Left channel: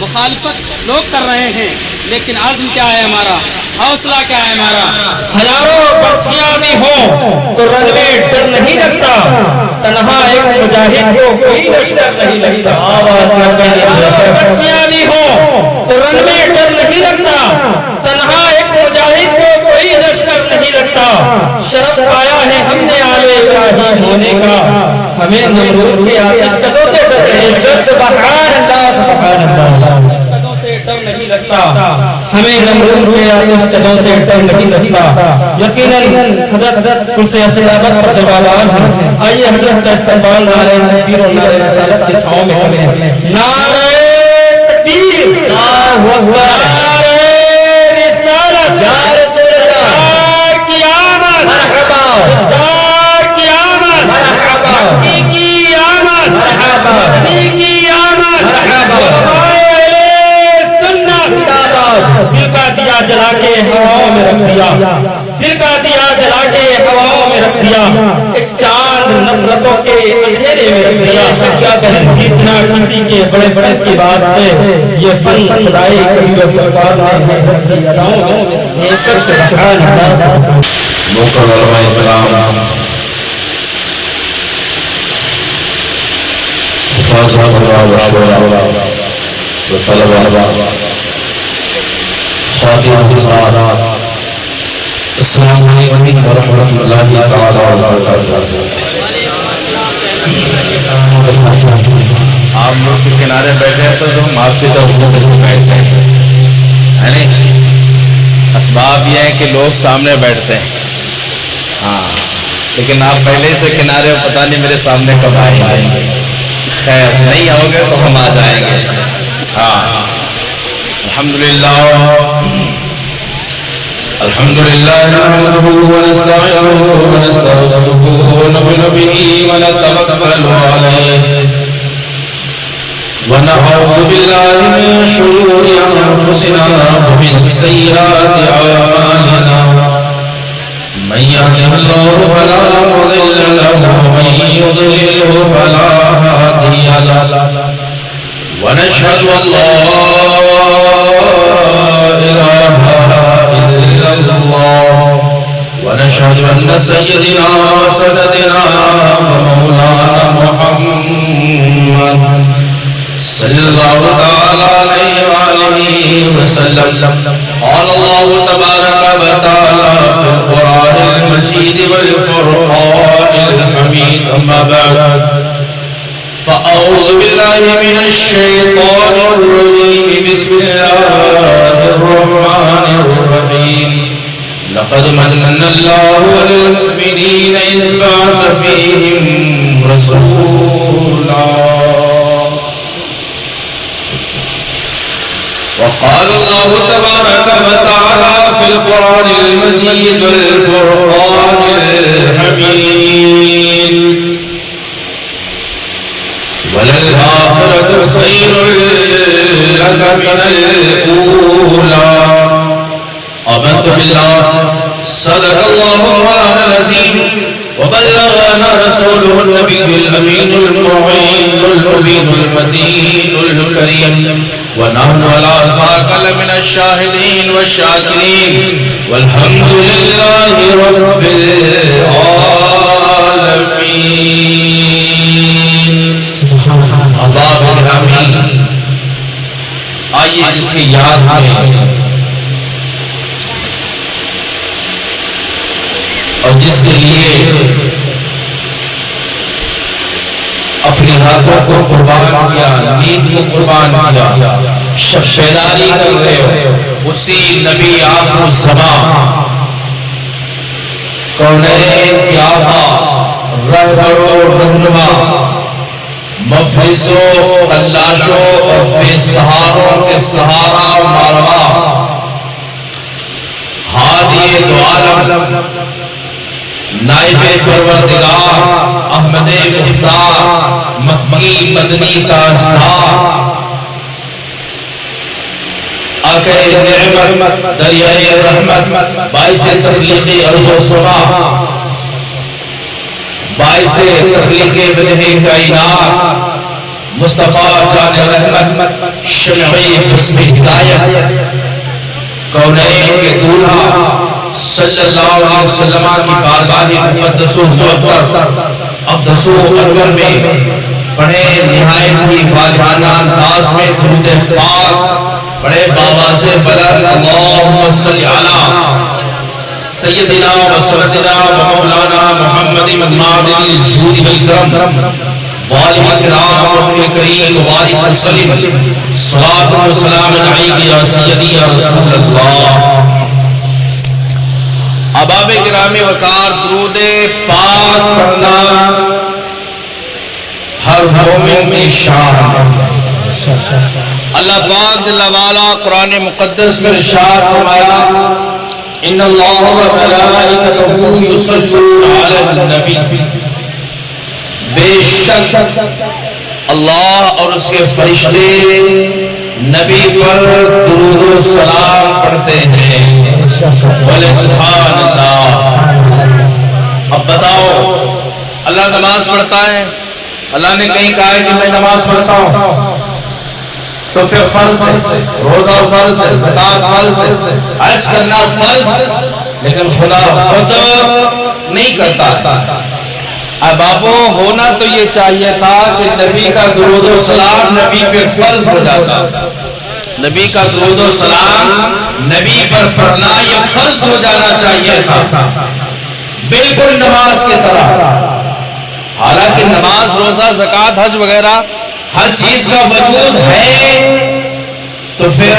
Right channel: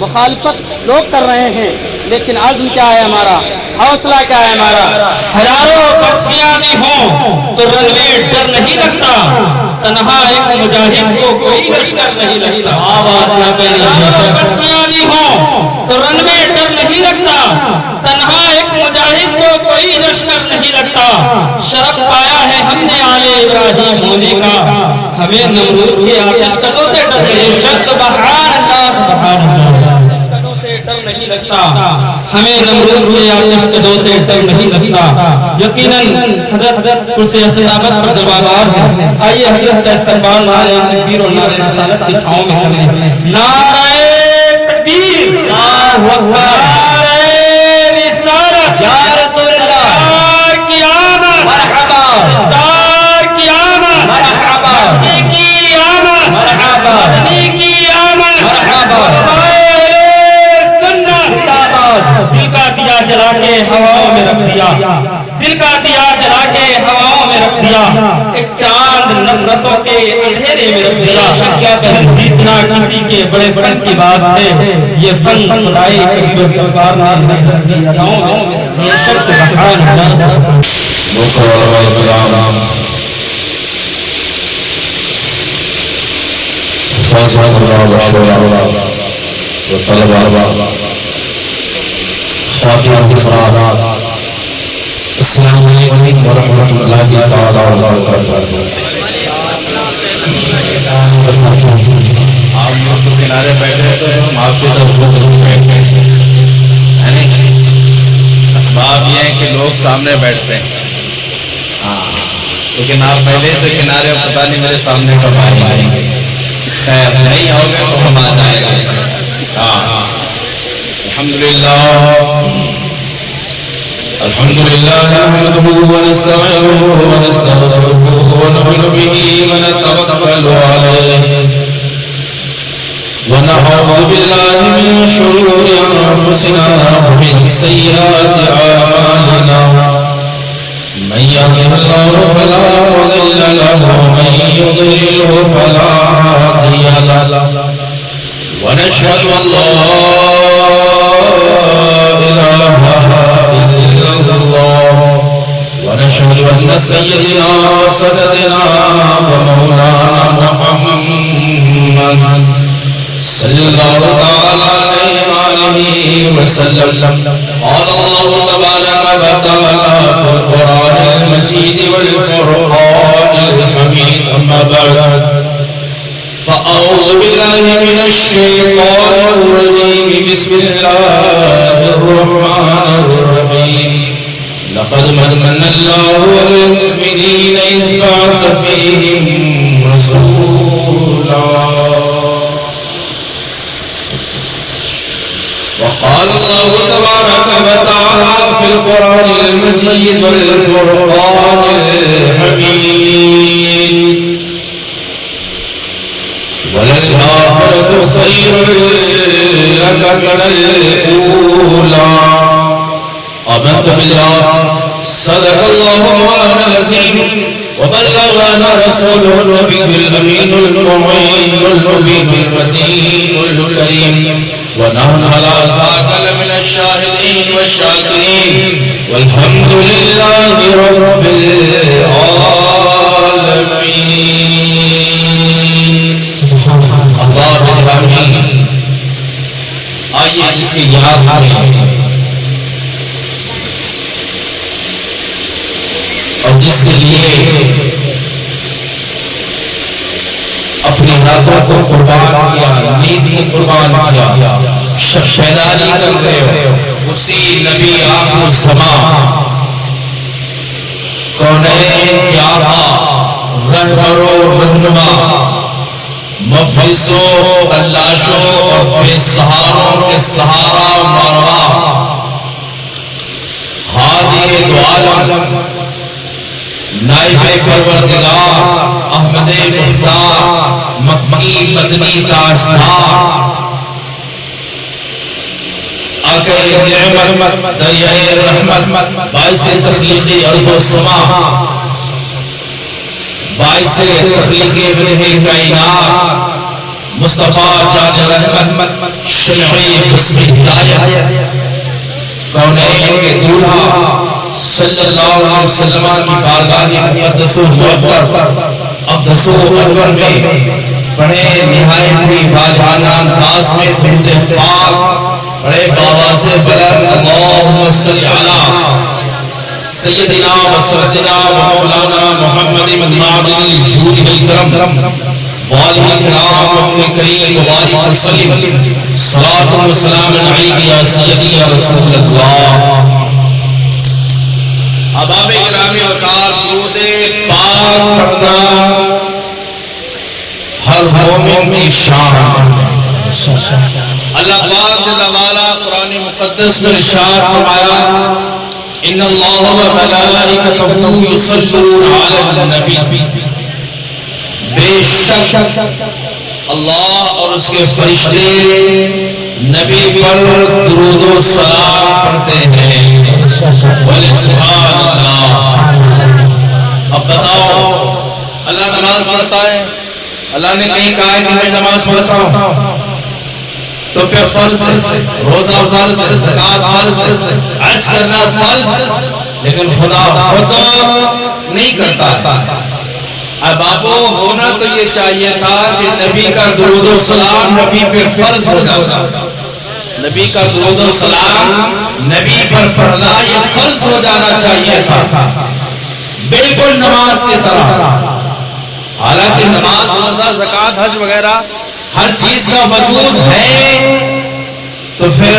مخالفت لوگ کر رہے ہیں، لیکن عزم کیا ہے ہمارا، حوصلہ کیا ہے ہمارا؟ ہزاروں پرچیاں بھی ہوں تو رن میں ڈر نہیں لگتا، تنہا ایک مجاہد کو کوئی لشکر نہیں لگتا۔ ہزاروں پرچیاں بھی ہوں تو رن میں ڈر نہیں لگتا، تنہا ایک مجاہد کو کوئی لشکر نہیں لگتا۔ شرف پایا ہے ہم نے آل ابراہیم ہونے کا، ہمیں نمرود کے آتش قدوں سے ڈر نہیں لگتا۔ سبحان اللہ سبحان اللہ، ڈر نہیں لگتا، ہمیں نمرود کے آتش قدوں سے ڈر نہیں لگتا۔ یقیناً حضرت کرسی صداقت پر جوابات ہیں، آئیے حضرت کا استقبال نعرہ تکبیر اور نعرہ رسالت کی چھاؤں میں کریں۔ نعرہ تکبیر، نعرہ رسالت، یا رسول اللہ کی آمد، دار کی آمد، مکی کی آمد، مدنی کی آمد، دل کا دیا جلا کے ہواؤں میں رکھ دیا، دل کا دیا جلا کے ہواؤں میں رکھ دیا، ایک چاند نفرتوں کے اندھیرے میں رکھ دیا۔ کیا بہن جیتنا کسی کے بڑے فن کی بات ہے، یہ فن خدائی کبیر و جبار نے رکھ دیا۔ سب سے بحران ناس محترم علماء کرام، فاضل اللہ وشویہ و طلبہ، خواتین حضرات، السلام علیکم ورحمۃ اللہ تعالی وبرکاتہ۔ آپ لوگ کے کنارے بیٹھے ہیں تو ہم آپ کی طرف بیٹھتے ہیں، اسباب یہ ہے کہ لوگ سامنے بیٹھتے ہیں، لیکن آپ پہلے سے کنارے ہو، پتہ نہیں میرے سامنے کب آئیں گے۔ خیر نہیں آؤ گے تو ہم آ جائیں گے۔ الحمدللہ نحمده ونستعينه ونستغفره ونؤمن به ونتوكل عليه ونعوذ بالله من شرور أنفسنا ومن سيئات أعمالنا، من يهده الله فلا مضل له ومن يضلل فلا هادي له، ونشهد أن لا إله إلا الله، ونشهد أن سيدنا وسندنا ومولانا محمد صلى الله تعالى عليه وآله وسلم قال الله تبارك وتعالى في القرآن المجيد والفرقان الحميد، أما بعد فأعوذ بالله من الشيطان الرجيم، بسم الله الرحمن الرحيم، لقد من الله على المؤمنين إذ بعث فيهم رسولا، وقال الله تبارك وتعالى في القرآن المجيد والفرقان الحميد، وللآخرة خير لك من الأولى، آمنت بالله صدق الله مولانا العظيم وبلغنا رسوله النبي الأمين المعين المبين المتين الكريم، ونحن على ذاك لمن الشاهدين والشاكرين، والحمد لله رب العالمين۔ اللہ العالمین، آئیے جس کی یاد میں اور جس کے لیے اپنی راتوں کو قربان کیا، نیند کو قربان کیا، شب بیداری کر رہے ہو، اسی نبی آخر الزمان کونین کے آقا، رہبر و رہنما، مفلسوں، تلاشوں اور بے سہاروں کے سہارا ماروا، ہادی دو عالم، نائب پروردگار، احمد مختار، مکی مدنی تاجدار، آقا نعمت، دریائے رحمت، باعث تخلیق ارض و سما، باعث تخلیق بدہ کائنات، مصطفیٰ جان رحمت شمعی حسن ہدایت کونین کے دولہا صلی اللہ علیہ وسلم کی بارگاہ مقدس و معطر اقدس و اکبر میں بڑے نہایت ہی واجبانہ انداز میں درود پاک بڑے باواز بلند اللہم صلی علی سیدنا و سیدنا و مولانا محمد معدن الجود والکرم والہ کرام اپنے کریم وبارک وسلم صلاۃ و سلام علیک یا سیدی یا رسول اللہ۔ احباب گرامی وقار درود پاک پڑھنا ہر مومن کی شان۔ اللہ پاک جل وعلا قرآن مقدس میں ارشاد فرمایا ان اللہ و ملائکتہ یصلون علی النبی، بے شک اللہ اور اس کے فرشتے نبی پر درود و سلام پڑھتے ہیں۔ بولے سبحان اللہ۔ اب بتاؤ اللہ نماز پڑھتا ہے، اللہ نے کہیں کہا ہے کہ میں نماز پڑھتا ہوں تو پھر فرض ہے، روزہ فرض ہے، زکات فرض ہے، حج کرنا فرض، لیکن خدا خود نہیں کرتا۔ اب آپ ہونا تو یہ چاہیے تھا کہ نبی کا درود و سلام نبی پہ فرض ہو جاتا، نبی کا درود و سلام نبی پر پڑھنا یہ فرض ہو جانا چاہیے تھا، بالکل نماز کی طرح۔ حالانکہ نماز روزہ زکات حج وغیرہ ہر چیز کا وجود ہے تو پھر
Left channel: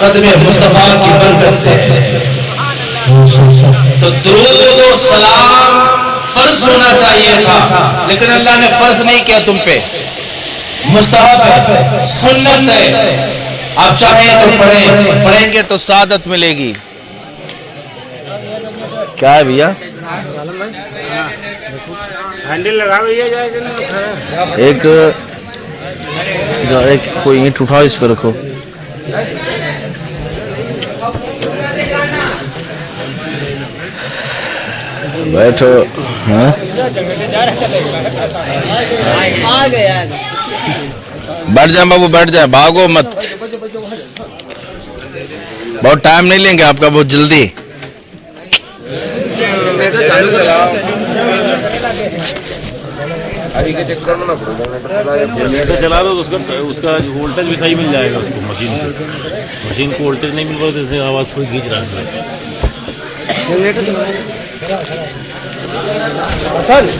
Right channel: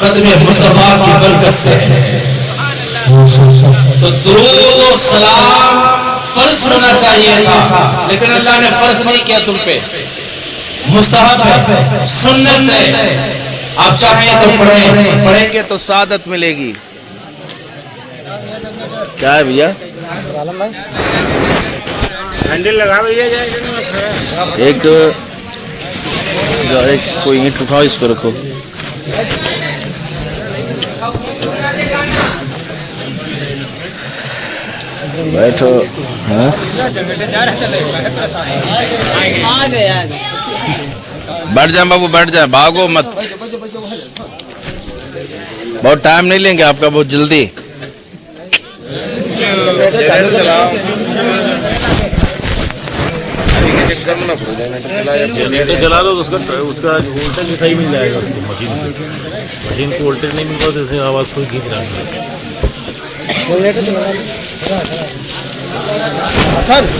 قدم مصطفیٰ کی برکت سے تو درود و سلام فرض ہونا چاہیے تھا، لیکن اللہ نے فرض نہیں کیا تم پہ، مستحب ہے، سنت ہے، آپ چاہیں تو پڑھیں، پڑھیں گے تو سعادت ملے گی۔ کیا ہے بھیا؟ ایک کوئی اینٹ اٹھاؤ، اس پہ رکھو۔ بیٹھو، بیٹھ جائیں بابو، بیٹھ جائیں، بھاگو مت، بہت ٹائم نہیں لیں گے آپ کا، بہت جلدی۔ جنریٹر چلا رہا تو اس کا وولٹیج بھی صحیح مل جائے گا، مشین کو وولٹیج نہیں مل رہا تو اس میں آواز کوئی گھینچ رہا ہے۔ جا نہیں رہی کر رہی ہے چارج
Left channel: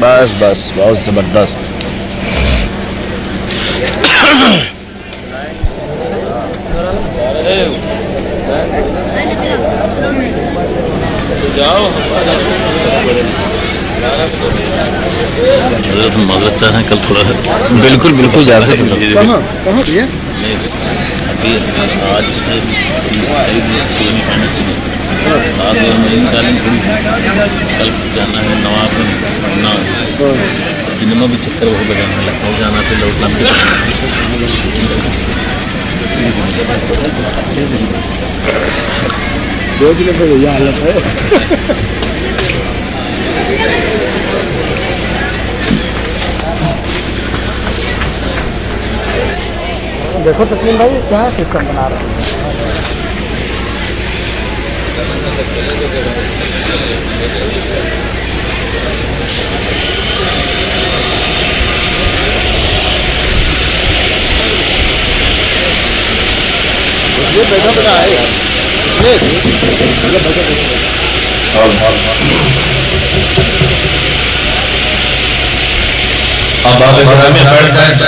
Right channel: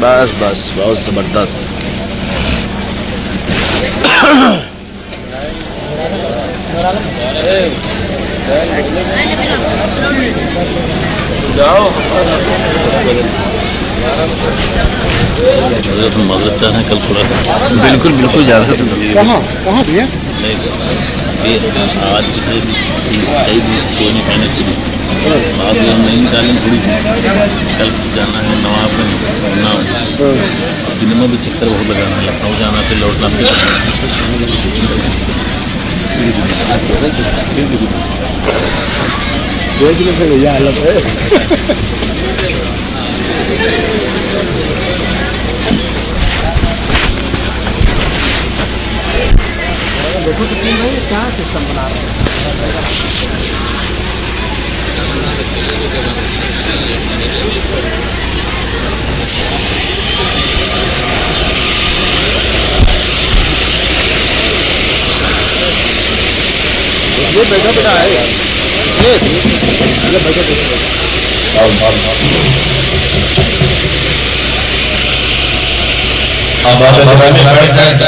بس بس بہت زبردست۔ نظر چاہ رہے ہیں کل تھوڑا سا، بالکل بالکل جا سکتے۔ کہاں دیا آج کئی دن سے سو نہیں پانے تھے، آج نہیں نکالیں تھوڑی سی، کل جانا ہے نواب میں پڑھنا، دن میں بھی چکر بہت لگانا، لکھنؤ جانا تو لوٹنا بھی دیکھ لیں پھر یہ حالت ہے۔ دیکھو تسلیم بھائی کیا سسٹم بنا رہے ہیں۔ یہ بیٹھا بیٹھا ہے،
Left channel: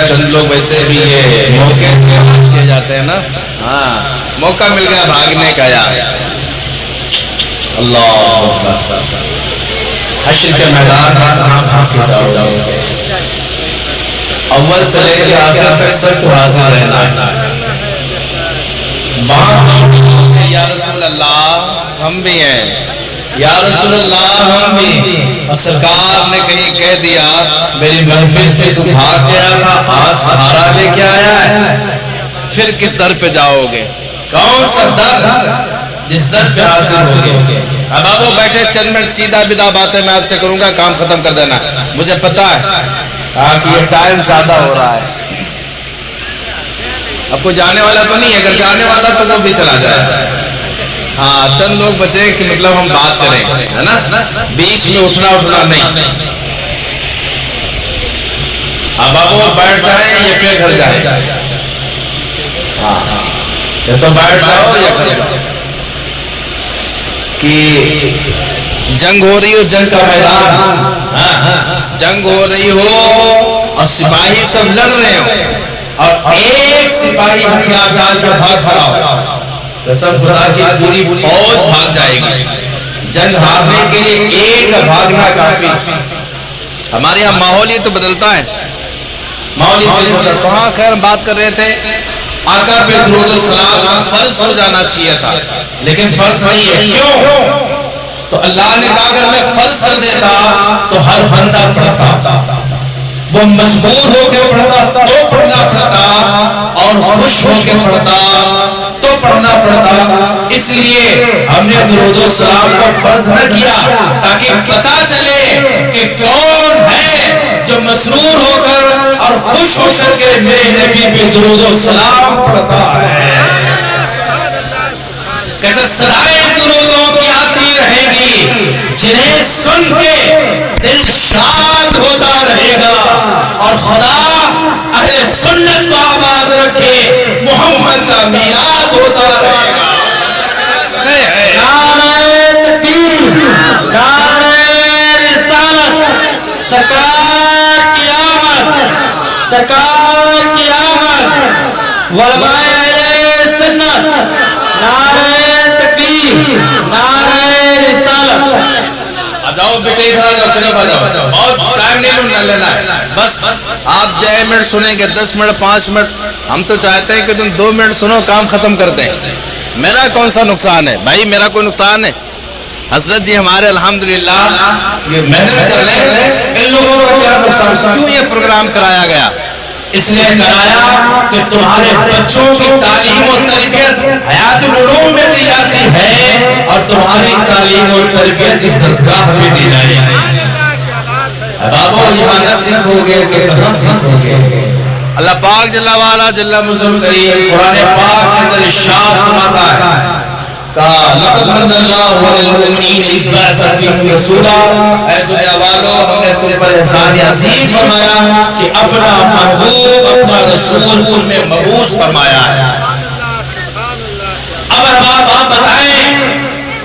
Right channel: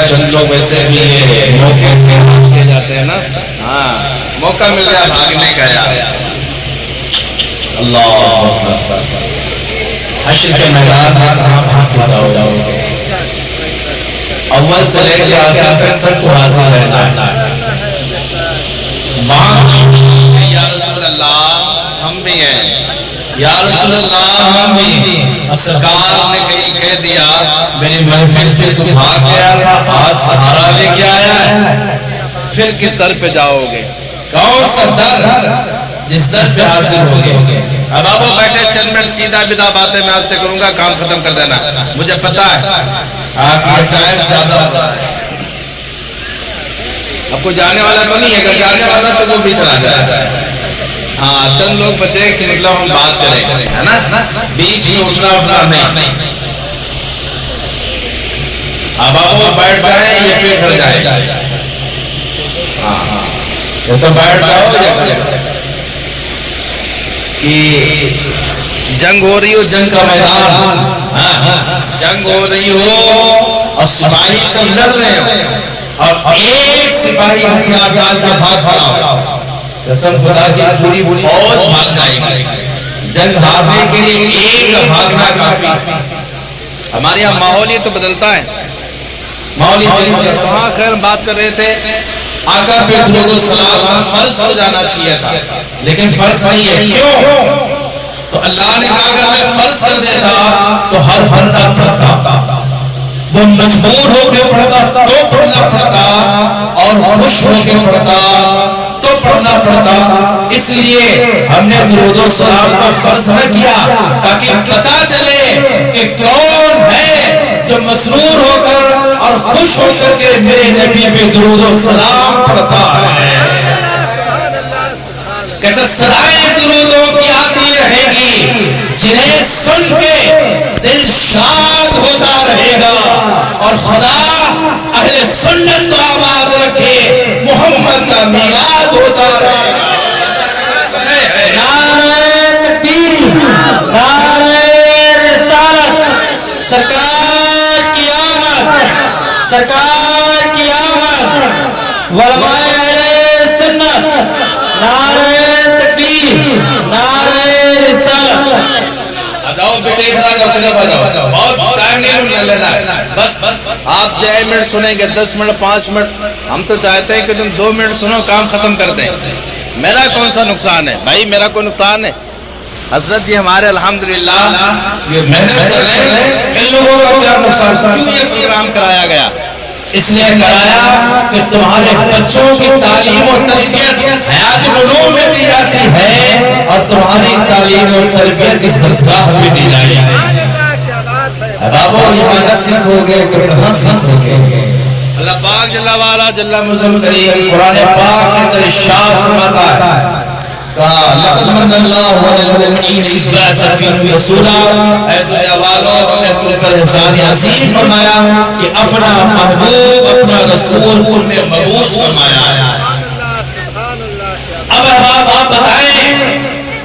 چند لوگ ایسے بھی موقع جاتے ہیں نا، موقع مل گیا بھاگنے کا، یار اللہ حشر کے میدان میں جاؤ، اول سے لے کے آخر تک سب کو حاضر رہنا ہے۔ وہاں یا رسول اللہ ہم بھی ہیں، یا رسول اللہ ہم بھی. اور سرکار نے کہیں کہہ دیا میری محفل پہ تو بھاگ گیا تھا، آج سہارا لے کے آیا ہے، پھر کس در پہ جاؤ گے؟ کون سا در جس در پہ حاضر ہوگے؟ اب آپ بیٹھے چند منٹ سیدھا بدا باتیں میں آپ سے کروں گا، کام ختم کر دینا. مجھے پتا ہے آپ یہ ٹائم سادہ ہوتا ہے، آپ کو جانے والا تو نہیں ہے، اگر جانے والا تو وہ بھی چلا جائے. ہاں چند لوگ بچے کہ مطلب ہم بات کریں، ہے نا، بیچ میں اٹھنا نہیں. اب آپ بیٹھ جائیں یا پھر گھر جائیں؟ یا تو بیٹھ جاؤ کہ جنگ ہو رہی ہو، جنگ کا میدان، جنگ ہو رہی ہو اور سپاہی سب لڑ رہے ہو اور ایک سپاہی ہتھیار ڈال کر بھاگ کھڑا ہو، قسم خدا کی پوری فوج بھاگ جائے گی. جنگ ہارنے کے لیے ایک کا بھاگنا کافی. ہمارے یہاں ماحول ہی تو بدلتا ہے، ماحول ہی خیر بات کر رہے تھے آقا پہ درود و سلام کا فرض ہو جانا چاہیے تھا، لیکن فرض نہیں ہے. کیوں؟ تو اللہ نے کہا اگر میں فرض کر دیتا تو ہر بندہ پڑھتا، وہ مجبور ہو کے پڑھتا تو پڑھنا پڑتا اور خوش ہو کے پڑھتا تو پڑھنا پڑتا. اس لیے ہم نے درود و سلام کو فرض نہ کیا تاکہ پتا چلے کہ کون ہے جو مسرور ہو کر اور خوش ہو کر کے میرے نبی پہ درود و سلام پڑھتا ہے. کہتے صدائیں درودوں کی آتی رہے گی، جنہیں سن کے دل شاد ہوتا رہے گا، اور خدا اہل سنت کو آباد رکھے، محمد کا میلاد ہوتا رہے گا. نعرہ تکبیر، نعرہ رسالت، سرکار کی آمد، سرکار کی آمد، علماء اہل سنت، نعرہ تکبیر، نعرہ رسالت. آجاؤ بیٹے ادھر آجاؤ، طرف آجاؤ، اور ٹائم نہیں لینا ہے، بس آپ 10 منٹ سنیں گے، 10 منٹ 5 منٹ، ہم تو چاہتے ہیں کہ تم 2 منٹ سنو کام ختم کر دیں. میرا کون سا نقصان ہے بھائی؟ میرا کوئی نقصان ہے؟ حضرت جی ہمارے الحمدللہ یہ محنت کر رہے ہیں، ان لوگوں کا کیا نقصان؟ کیوں یہ پروگرام کرایا گیا؟ اس لیے کرایا کہ تمہارے بچوں کی تعلیم و تربیت حیات العلوم میں دی جاتی ہے اور تمہاری تعلیم و تربیت اس درسگاہ میں دی جائے گی. اب آپ یہاں نہ سیکھو گے تو کہاں سیکھو گے؟ اللہ پاک جل وعلا جل مزل کریم قرآن پاک کے اندر ارشاد فرماتا ہے کہا لقد من اللہ علی المؤمنین اذ بعث فیہم رسولا، اے دنیا والو ہم نے تم پر احسان عظیم فرمایا کہ اپنا محبوب اپنا رسول تم نے مبعوث فرمایا ہے. اب آپ بتائیں،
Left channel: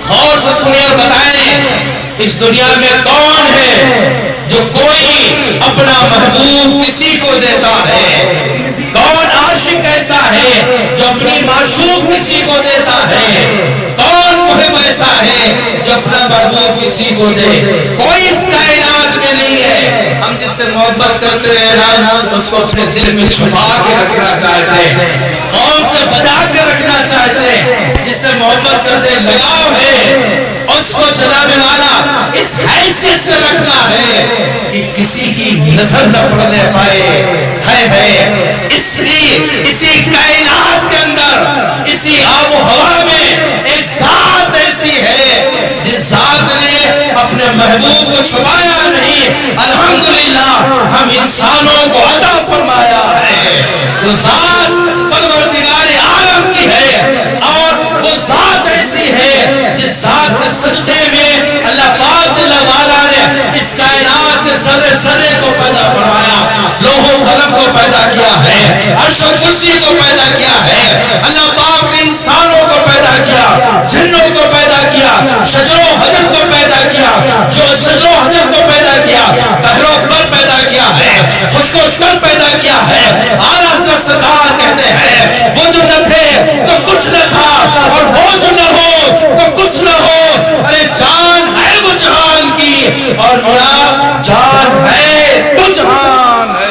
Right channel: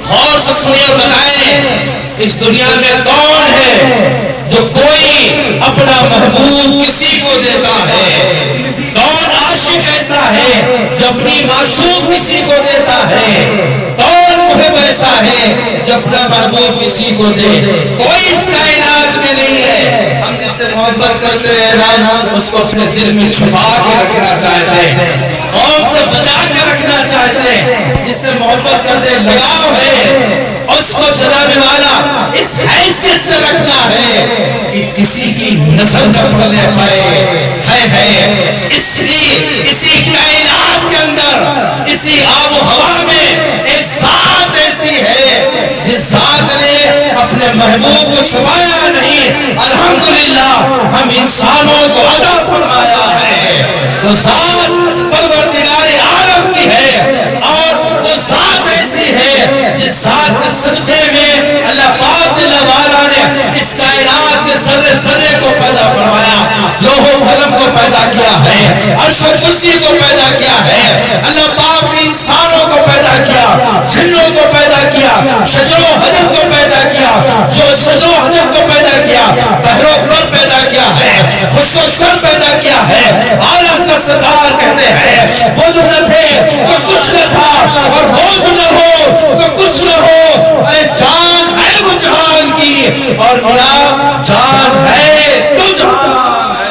غور سے سنیے، بتائیں اس دنیا میں کون ہے جو کوئی اپنا محبوب کسی کو دیتا ہے؟ کون عاشق ایسا ہے جو اپنی معشوق کسی کو دیتا ہے؟ کون محب ایسا ہے جو اپنا محبوب کسی کو دے؟ کوئی اس کائنات میں نہیں ہے. ہم جس سے محبت کرتے ہیں نا اس کو اپنے دل میں چھپا کے رکھنا چاہتے ہیں، قوم سے بچا کے رکھنا چاہتے ہیں. جس سے محبت کرتے لگاؤ ہے اس کو جناب والا اس حیثیت سے رکھنا ہے کہ کسی کی نظر نہ پڑنے پائے. ہے اسی کائنات کے اندر، اسی آب و ہوا میں ایک ذات ایسی ہے جس ذات نے اپنے محبوب کو چھپایا نہیں، الحمدللہ ہم انسانوں کو عطا فرمایا ہے. وہ ذات پروردگار عالم کی ہے، اور وہ ذات ایسی ہے جس ذات کے سجدے میں اللہ پاک جل وعلا نے اس کائنات کے ذرے ذرے کو پیدا فرمایا، لوح و قلم کو پیدا کیا ہے، عرش و کرسی کو پیدا کیا ہے. اللہ پاک نے انسانوں کو پیدا کیا، جنوں کو پیدا کیا، شجر و حجر کو پیدا کیا، جو شجر و حجر کو پیدا کیا، بحر و بر پیدا کیا ہے، خشک و تر پیدا کیا ہے. اعلیٰ حضرت سرکار کہتے ہیں وہ جو نہ تھے تو کچھ نہ تھا، اور وہ جو نہ ہو تو کچھ نہ ہو. ارے جان ہے وہ جہان کی، اور میرا جان ہے تو جہان ہے.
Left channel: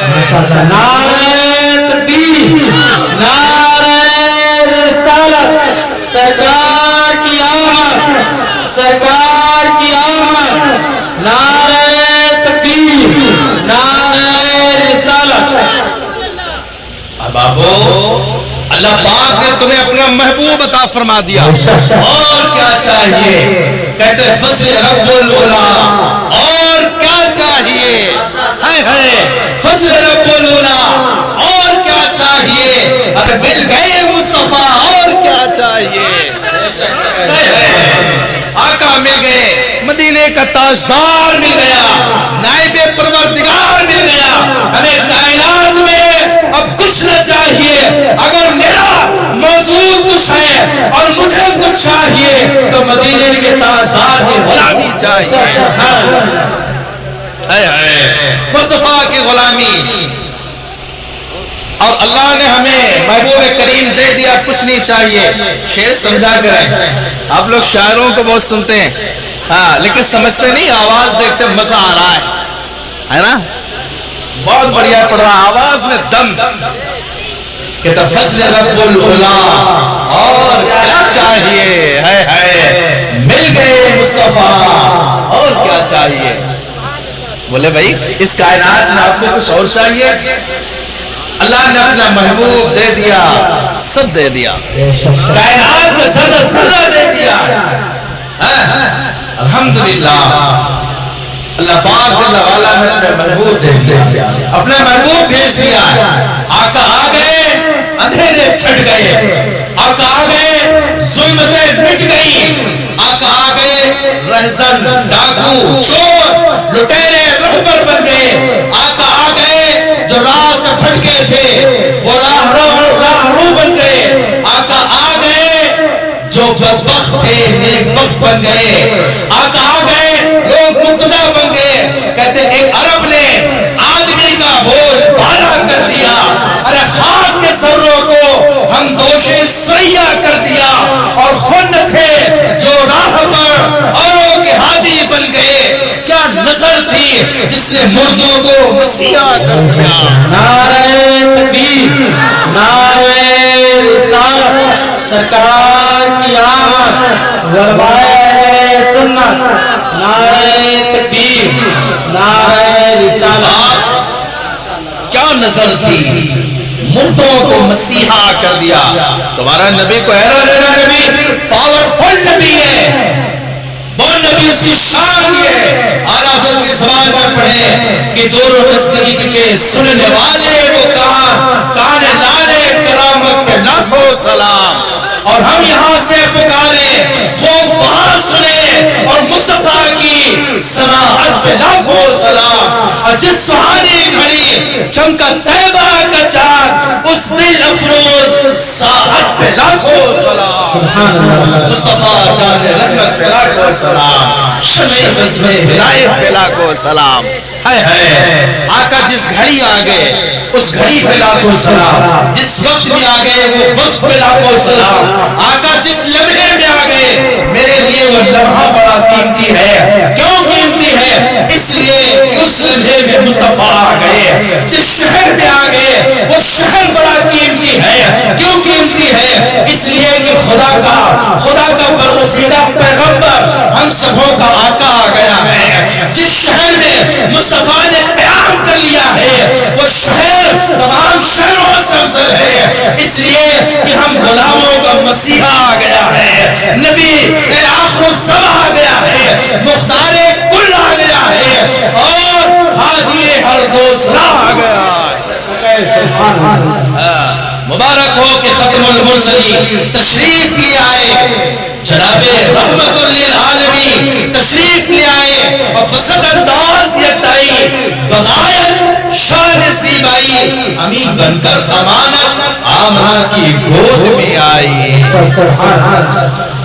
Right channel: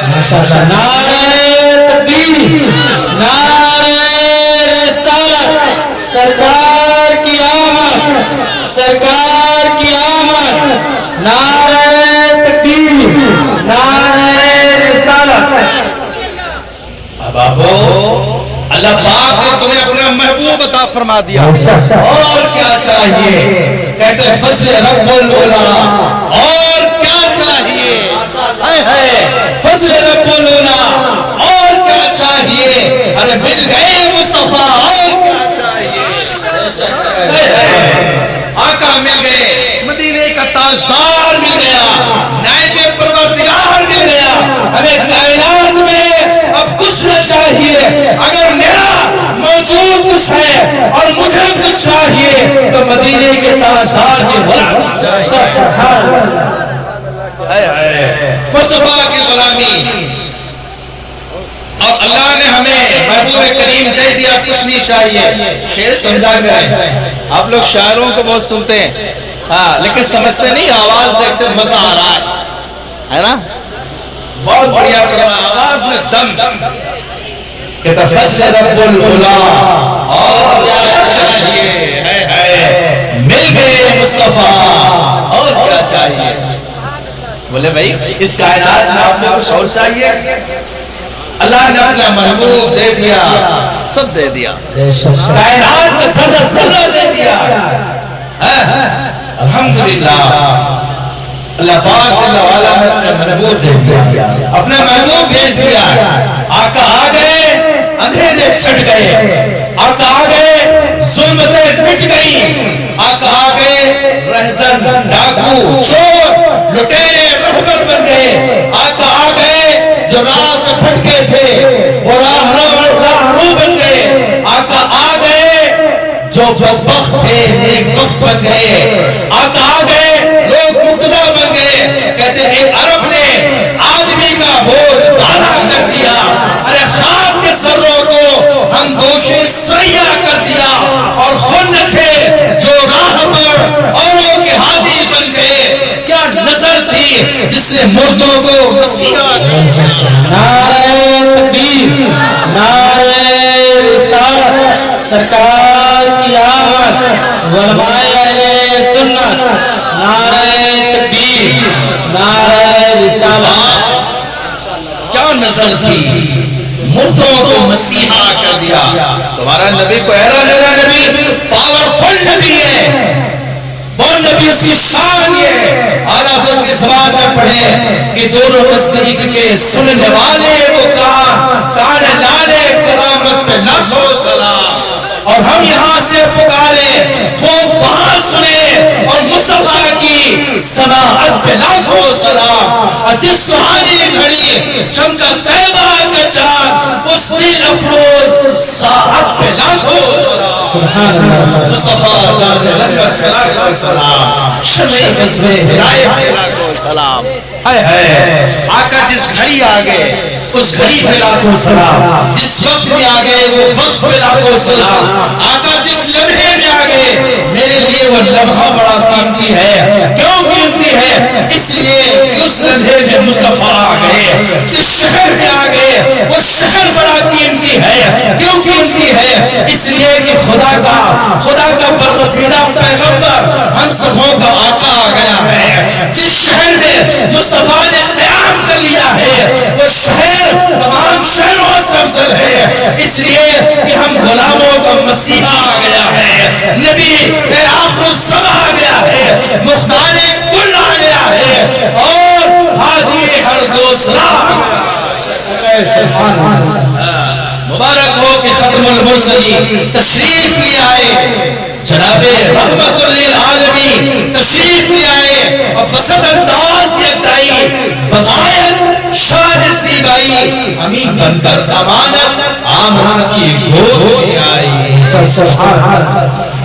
نعرہ تکبیر، نعرہ رسالت، سرکار کی آمد، نعرہ تکبیر، نعرہ رسالت۔ اب آبو اللہ پاک نے تمہیں اپنا محبوب عطا فرما دیا، اور کیا چاہیے؟ کہتے فضل رب العلا، اور کیا چاہیے؟ فضل رب العلا، اور کیا چاہیے؟ ارے مل گئے مصطفیٰ، اور کیا چاہیے؟ آقا مل گئے، مدینے کا تاجدار مل گیا، نائب پروردگار مل گیا۔ ہمیں کائنات میں اب کچھ نہ چاہیے، اگر میرا موجود کچھ ہے اور مجھے کچھ چاہیے تو مدینے کے تاجدار کی غلامی چاہیے، مصطفیٰ کی غلامی۔ اور اللہ نے ہمیں محبوب کریم دے دیا، کچھ نہیں چاہیے۔ شعر سمجھا گیا ہے، آپ لوگ شاعروں کو بہت سنتے ہیں، ہاں لیکن سمجھتے نہیں، آواز دیکھتے مزہ آ رہا ہے نا، بہت بڑھیا پڑھ رہا، آواز میں دم۔ کہتا فضل رب العلا، اور کیا چاہیے؟ مل گئے مصطفیٰ، اور کیا چاہیے؟ بولے بھائی اس کائنات میں آپ کو کچھ اور چاہیے؟ اللہ نے اپنا محبوب دے دیا، سب دے دیا، کائنات میں ذرہ ذرہ دے دیا۔ الحمدللہ اللہ پاک اللہ والا نے اپنا محبوب دے دیا، اپنا محبوب بھیج دیا۔ آقا آ گئے، اندھیرے چھٹ گئے، آقا آ گئے، ظلمتیں مٹ گئیں، آقا آ گئے، رہزن ڈاکو چور لٹیرے رہبر بن گئے، آقا آ گئے، جو راہ سے بھٹکے تھے وہ راہرو بن گئے، آقا آ گئے، جو بدبخت تھے نیک بخت بن گئے، آقا آ گئے، لوگ مقتدا بن گئے۔ کہتے ایک عرب نے آدمی کا بول بالا کر دیا، ارے خاک کے سروں کو ہم دوشے سیاہ کر دیا، اور خود تھے جو راہ پر اوروں کے ہادی بن گئے۔ کیا نظر تھی جس نے مردوں کو مسیحا کر دیا۔ نعرہ تکبیر، نعرہ رسالت، سرکار کی آمد، علماء اہل سنت، نعرہ تکبیر، نعرہ رسالت۔ کیا نظر تھی، مردوں کو مسیحا کر دیا۔ تمہارا نبی کو ایرا میرا نبی پاورفل نبی ہے، وہ نبی اس کی شان ہے۔ اعلیٰ حضرت کے زمان میں پڑھیں کہ دور نزدیک کے سننے والے وہ کان لالے کرامت پہ لاکھوں سلام، اور ہم یہاں سے پکارے وہ وہاں سنے، اور مصطفیٰ کی سماعت پہ لاکھوں سلام۔ اور جس سہانی گھڑی چمکا طیبہ کا چاند، اس دل افروز ساعت پہ لاکھوں سلام۔ سبحان اللہ، مصطفیٰ جان رحمت پہ لاکھوں سلام، شمع بزم ہدایت پہ لاکھوں سلام۔ آقا جس گھڑی آگے اس گھڑی پہ لاکھوں سلام، جس وقت میں آگے وہ وقت پہ لاکھوں سلام۔ آقا جس لمحے میں آگے میرے لیے وہ لمحہ بڑا قیمتی ہے۔ کیوں قیمتی ہے؟ اس لیے کہ اس لمحے میں مصطفیٰ آ گئے۔ جس شہر میں آگے وہ شہر بڑا قیمتی ہے۔ کیوں قیمتی ہے؟ اس لیے کہ خدا کا برگزیدہ پیغمبر ہم سبوں کا آقا آ گیا ہے۔ جس شہر میں مصطفیٰ نے قیام کر لیا ہے وہ شہر تمام شہروں سے افضل ہے، اس لیے کہ ہم غلاموں کا مسیحا آ گیا ہے، نبی آخر الزمان آ گیا ہے، مختار کل آ گیا ہے، اور ہادی ہر دوسرا آ گیا ہے۔ مبارک ہو کہ ختم المرسلین تشریف لے آئے، جناب رحمت للعالمین تشریف لے آئے، اور بسط انداز یہ دائی بغایت شان زیبائی، امین بن کر امانت آمنہ کی گود میں آئی،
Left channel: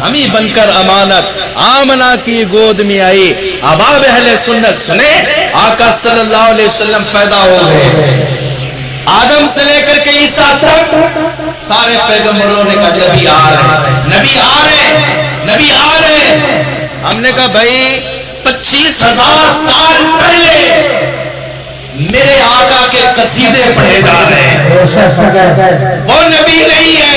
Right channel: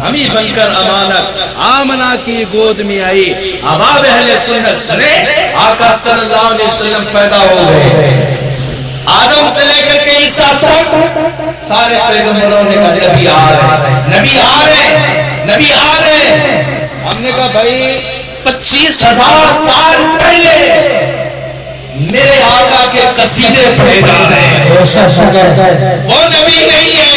امین بن کر امانت آمنہ کی گود میں آئی۔ احباب اہل سنت سنے، آقا صلی اللہ علیہ وسلم پیدا ہو گئے، آدم سے لے کر کے عیسیٰ تک سارے پیغمبروں نے کہا نبی آ رہے، نبی آ رہے، نبی آ رہے۔ ہم نے کہا بھائی 25,000 سال پہلے میرے آقا کے قصیدے پڑھے جا رہے ہیں، وہ نبی نہیں ہے۔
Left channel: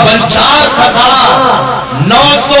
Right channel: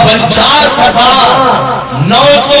50,900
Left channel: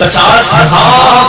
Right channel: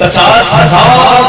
50,000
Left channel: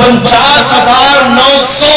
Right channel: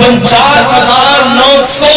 49,900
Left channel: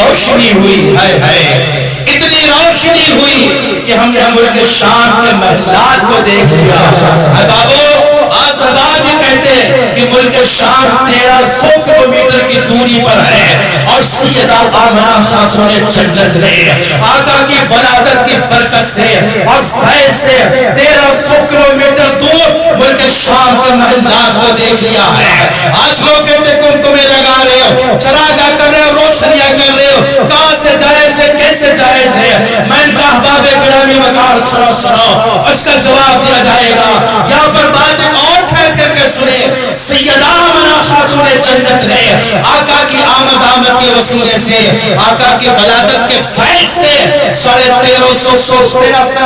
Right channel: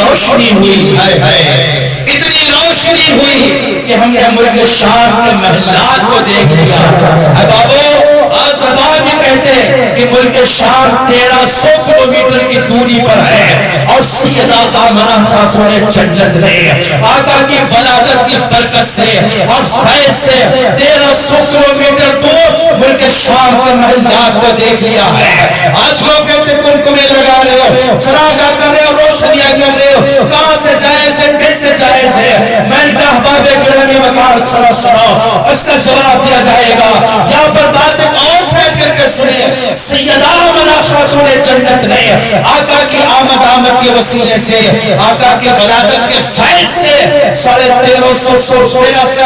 روشنی ہوئی ہے اتنی روشنی ہوئی کہ ہم نے ملک شام کے محلات کو دیکھ لیا اے بابو آج حباب یہ کہتے ہیں کہ ملک شام 1300 کلومیٹر کی دوری پر ہے اور سیدہ آمنہ خاتون جنت نے آقا کی ولادت کی برکت سے اور فیض سے 1300 کلومیٹر دور ملک شام کے محلات کو دیکھ لیا ہے آج لوگ کہتے کمکمے لگا رہے ہو چراغاں کر رہے ہو روشنیاں کر رہے ہو کہاں سے جائز ہے کیسے جائز ہے میں نے کہا احباب گرامی وقار سنو اس کا جواب دیا جائے گا یہاں پر بات ایک اور پھیر کر کے سنیں سیدہ آمنہ خاتون جنت نے آقا کی آمد کے وسیلے سے آقا کی ولادت کے فیض سے 1350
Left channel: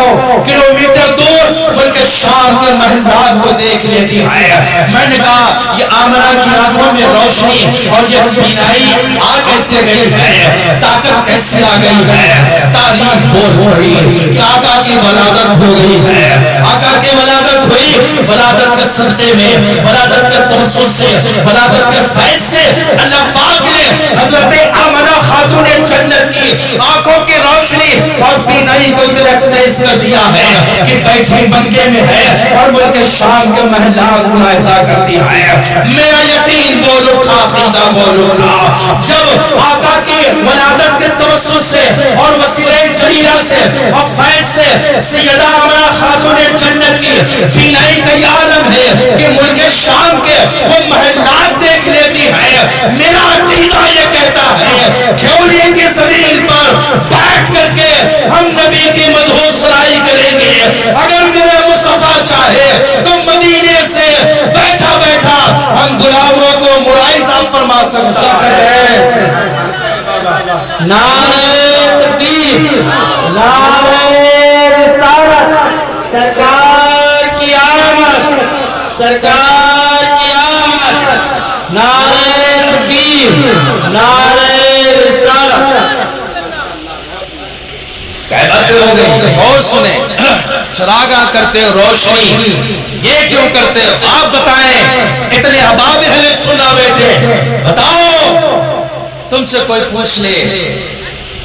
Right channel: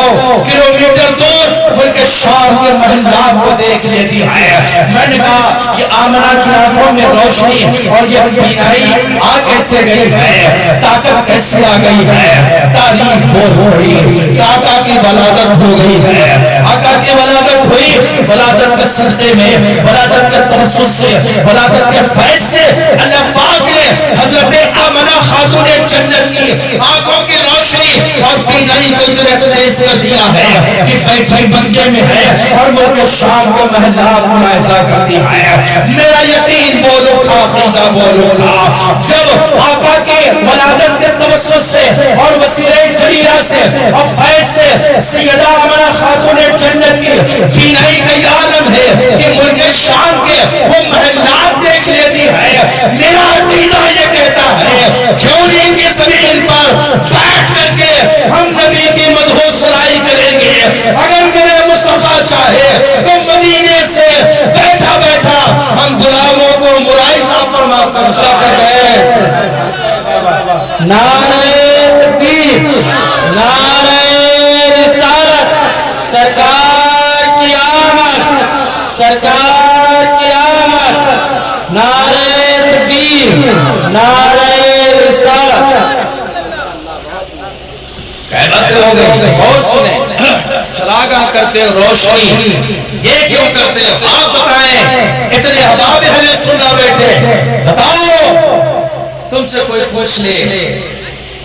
کلومیٹر دور ملک شام کے محلات کو دیکھ لیتی ہے میں نے کہا یہ آمنہ کی آنکھوں میں روشنی اور یہ بینائی آ کیسے گئی ہے طاقت کیسے آ گئی ہے تاریخ بول رہی آقا کی ولادت ہو گئی ہے آقا کی ولادت ہوئی ولادت کے صدقے میں ولادت کے توسط سے ولادت کے فیض سے اللہ پاک نے حضرت آمنہ خاتون جنت کی آنکھوں کی روشنی اور بینائی کو تیز کر دیا ہے کہ بیٹھی مکے میں ہے اور ملک شام کے محلات ملاحظہ کرتی ہے میرا یقین بولو تھا عقیدہ بولو تھا جب آقا کی ولادت کے توسط سے اور وسیلہ جلیلہ سے اور فیض سے سیدہ آمنہ خاتون جنت کی بینائی کا یہ عالم ہے کہ ملک شام کے وہ محلات دیکھ لیتی ہے میرا عقیدہ یہ کہتا ہے کھیوری کی زمین پر بیٹھ کر کے ہم نبی کی مدحو سرائی کریں گے اگر میرے مصطفیٰ چاہے تو مدینے سے بیٹھا بیٹھا ہم غلاموں کو ملاحظہ فرما سکتے ہیں نعرہ تکبیر نعرہ رسالت سرکار کی آمد سرکار کی آمد نعرہ تکبیر نعرہ رسالت کہتے ہو گئے اور سنیں چراغاں کرتے ہو روشنی یہ کیوں کرتے ہو آپ بتائیں اتنے احباب اہل سنہ بیٹھے بتاؤ تم سے کوئی پوچھ لے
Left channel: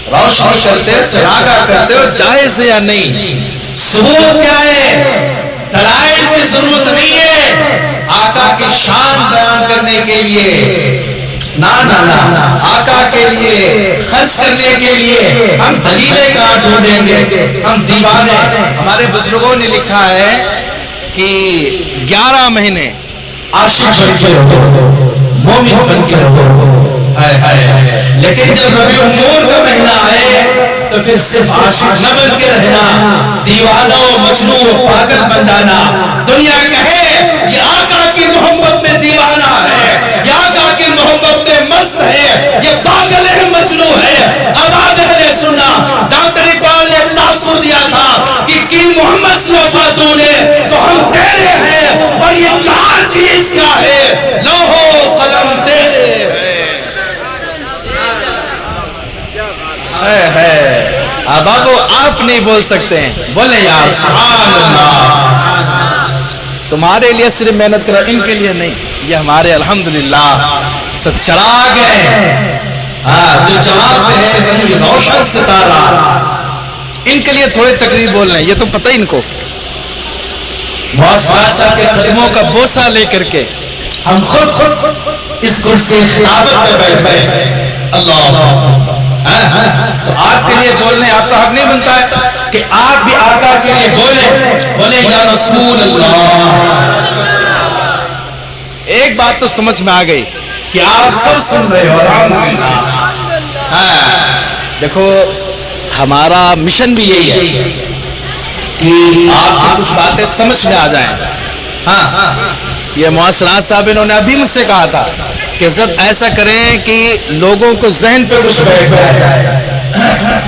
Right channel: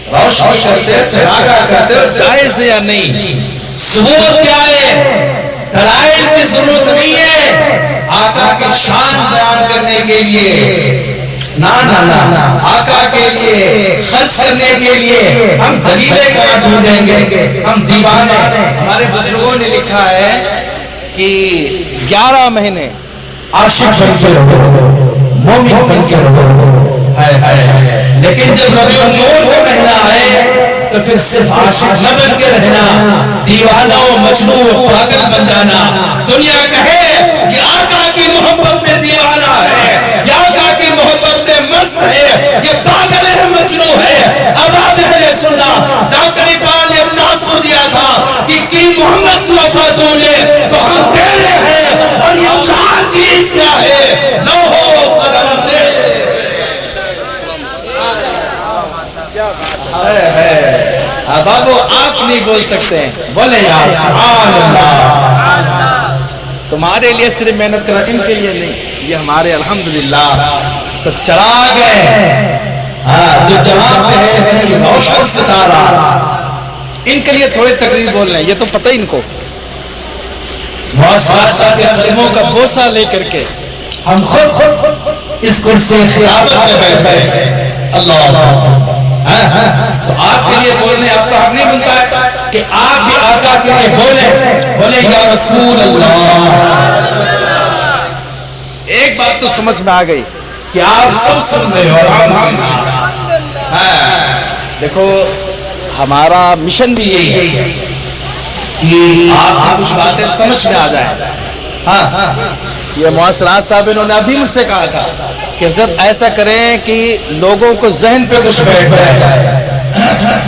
روشنی کرتے ہو چراغاں کرتے ہو جائز ہے یا نہیں ثبوت کیا ہے دلائل کی ضرورت نہیں ہے آقا کی شان بیان کرنے کے لیے نا آقا کے لیے خرچ کرنے کے لیے ہم دلیلیں کہاں ڈھونڈیں گے ہم دیوانے ہمارے بزرگوں نے لکھا ہے کہ 11 مہینے عاشق بن کے رہو مومن بن کے رہو لیکن جب ربیع النور کا مہینہ آئے تو پھر صرف عاشق نہ بن کے رہنا دیوانہ و مجنون و پاگل بن جانا دنیا کہے یہ آقا کی محبت میں دیوانہ ہے یہ آقا کی محبت میں مست ہے یہ پاگل ہے مجنون ہے اب اہل سننا ڈاکٹر اقبال نے تاثر دیا تھا کہ کی محمد سے وفا دونے تو ہم تیرے ہیں اور یہ 4 چیز کیا ہے لوہو قدم تیرے بابو آپ نہیں بول سکتے بولے یا سبحان اللہ تمہارے لیے صرف محنت کرا ان کے لیے نہیں یہ ہمارے الحمدللہ سب چراغ ہے جو جواب ہے وہی روشن ستارہ ان کے لیے تھوڑے تقریر بول رہے ہیں یہ تو پتہ ان کو موسیٰ کے قدموں کا بوسہ لے کر کے ہم خود اس کرسی خلافت میں بیٹھ گئے اللہ تو آپ کے لیے بولنے آپ کا حق نہیں بنتا ہے کہ آپ بھی آقا کے لیے بولے یا رسول اللہ ایک بات تو سمجھ میں آ گئی کہ آپ سب سن رہے ہو دیکھو ہمارا مشن بھی یہی ہے کہ آپ کچھ باتیں سمجھ میں آ جائیں یہ معاصرات صاحب انہوں نے ابھی مجھ سے کہا تھا کہ حضرت ایسا کریں کہ لوگوں کو ذہن پہ کچھ بیٹھ جائے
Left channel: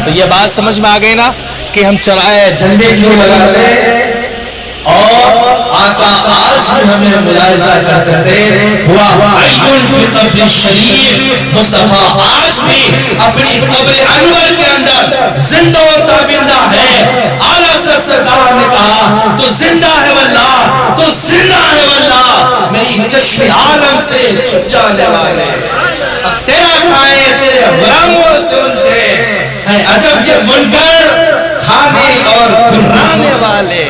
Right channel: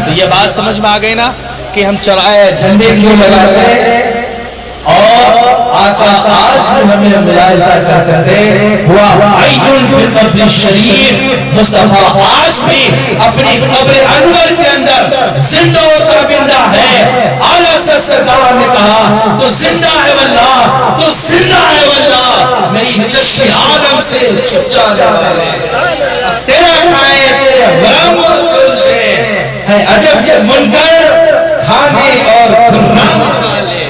تو یہ بات سمجھ میں آ گئی نا کہ ہم چرائے جھنڈے کیوں لگاتے اور آقا آج بھی ہمیں ملاحظہ کر سکتے ہوا عیدن فی قبر شریف مصطفیٰ آج بھی اپنی قبر انور کے اندر زندہ و تابندہ ہے اعلیٰ سرکار نے کہا تو زندہ ہے واللہ تو زندہ ہے واللہ میری چشم عالم سے چھپ جانے والے تیرا کھائے تیرے غلاموں سے عجب یہ منکر کھانے اور گھرانے والے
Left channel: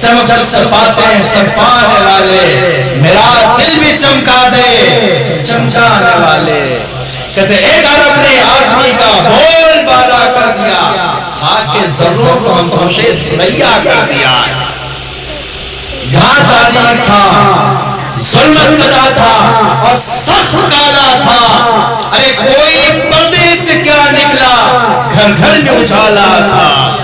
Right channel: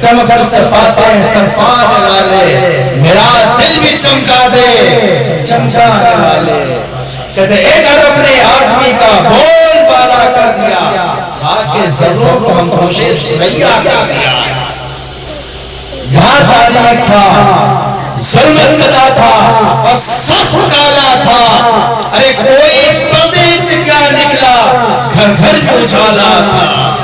چمک سے باتیں سب پانے والے میرا دل بھی چمکا دے چمکانے والے کہتے ایک عرب نے آدمی کا بول بالا کر دیا کھا کے ذروں کو ہم خوشے سیاہ کر دیا جہاں تاریخ تھا ظلمت قضا تھا اور سخت کالا تھا ارے کوئی پردے سے کیا نکلا گھر گھر میں اجالا تھا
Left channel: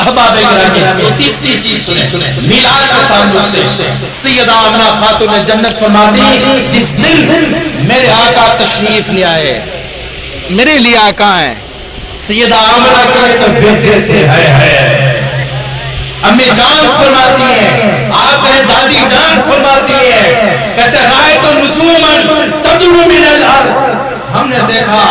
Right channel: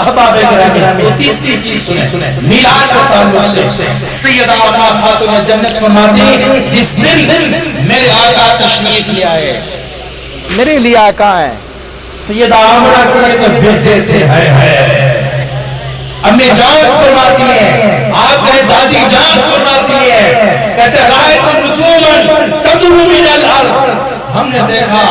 احباب گرامی وہ تیسری چیز سنیں میلاد کے تعلق سے سیدہ آمنہ خاتون جنت فرماتی جس دن میرے آقا تشریف لے آئے میرے لیے آقا ہیں سیدہ آمنہ کے لیے تو بیٹھ دیتے ہیں امی جان فرماتی ہیں آپ کہیں دادی جان فرماتی ہیں کہتے رائت نجومن تدعو من الارض ہم نے دیکھا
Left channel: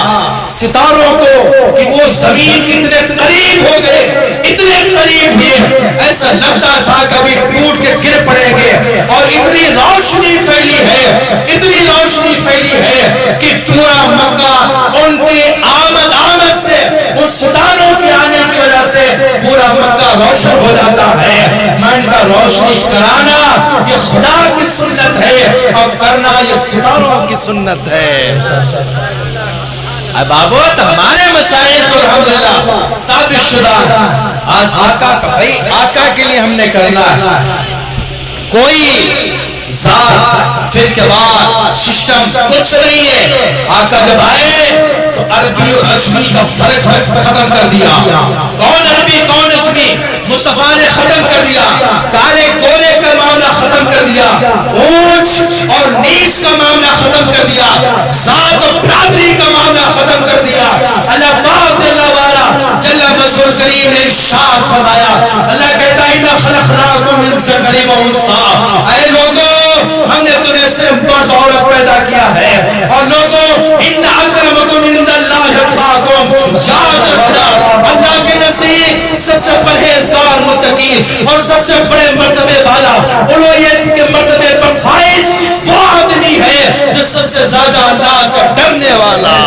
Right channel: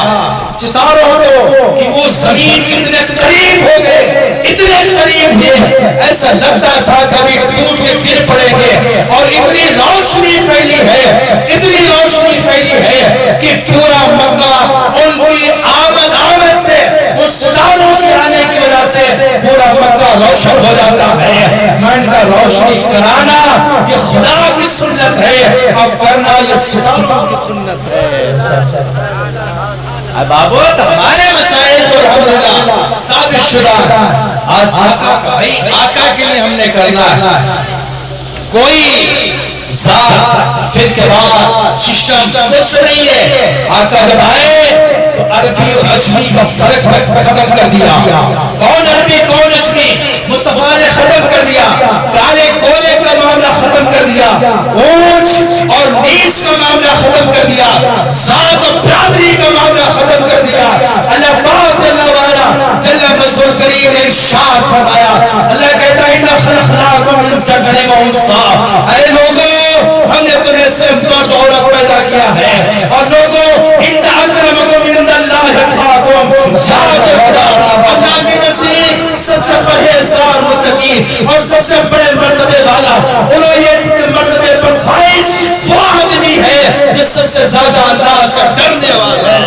ستاروں کو کہ وہ زمین کتنے قریب ہو گئے اتنے قریب ہوئے ایسا لگتا تھا کبھی ٹوٹ کے گر پڑیں گے اور اتنی روشنی پھیلی ہے کہ پورا مکہ ان کی آمد سے اس ستاروں کے آنے کی وجہ سے پورا مکہ روشن ہو جاتا ہے من کا روشنی کرانا یہ خدا کی سنت ہے اور کرنا یہ ستاروں کی سنت ہے بابت ہمارے مسائل تو الحمدللہ ثابت شدہ آج آقا کا بھائی آقا کے لیے ہم نے کرنا ہے کوئی ذات پھر کے بعد سسٹم کچھ نہیں ہے آقا جب آئے تو عربی اور عجمی کا فرق ختم کر دیا کون عربی کون عجمی مصطفیٰ نے ختم کر دیا کالے گورے کا معاملہ ختم کر دیا اونچ اور نیچ کا معاملہ ختم کر دیا ذات و برادری کا معاملہ ختم کر دیا اللہ پاک جل وعلا جل مجدہ کریم نے ارشاد فرمایا اللہ کہتا ہے اِنَّا خَلَقْنَاكُم مِّن ذَكَرٍ وَأُنثَىٰ اے لوگوں ہم نے تمہیں سے مرد عورت پیدا کیا ہے اور لوگوں اِنَّ أَكْرَمَكُمْ عِندَ اللَّهِ أَتْقَاكُمْ یاد رکھنا اللہ کے نزدیک سب سے پرہیزگار متقی اور سب سے بڑے مرتبے والا اولویت کے مرتبے پر فائز وہ آدمی ہے جو سب سے زیادہ اللہ سے ڈرنے والا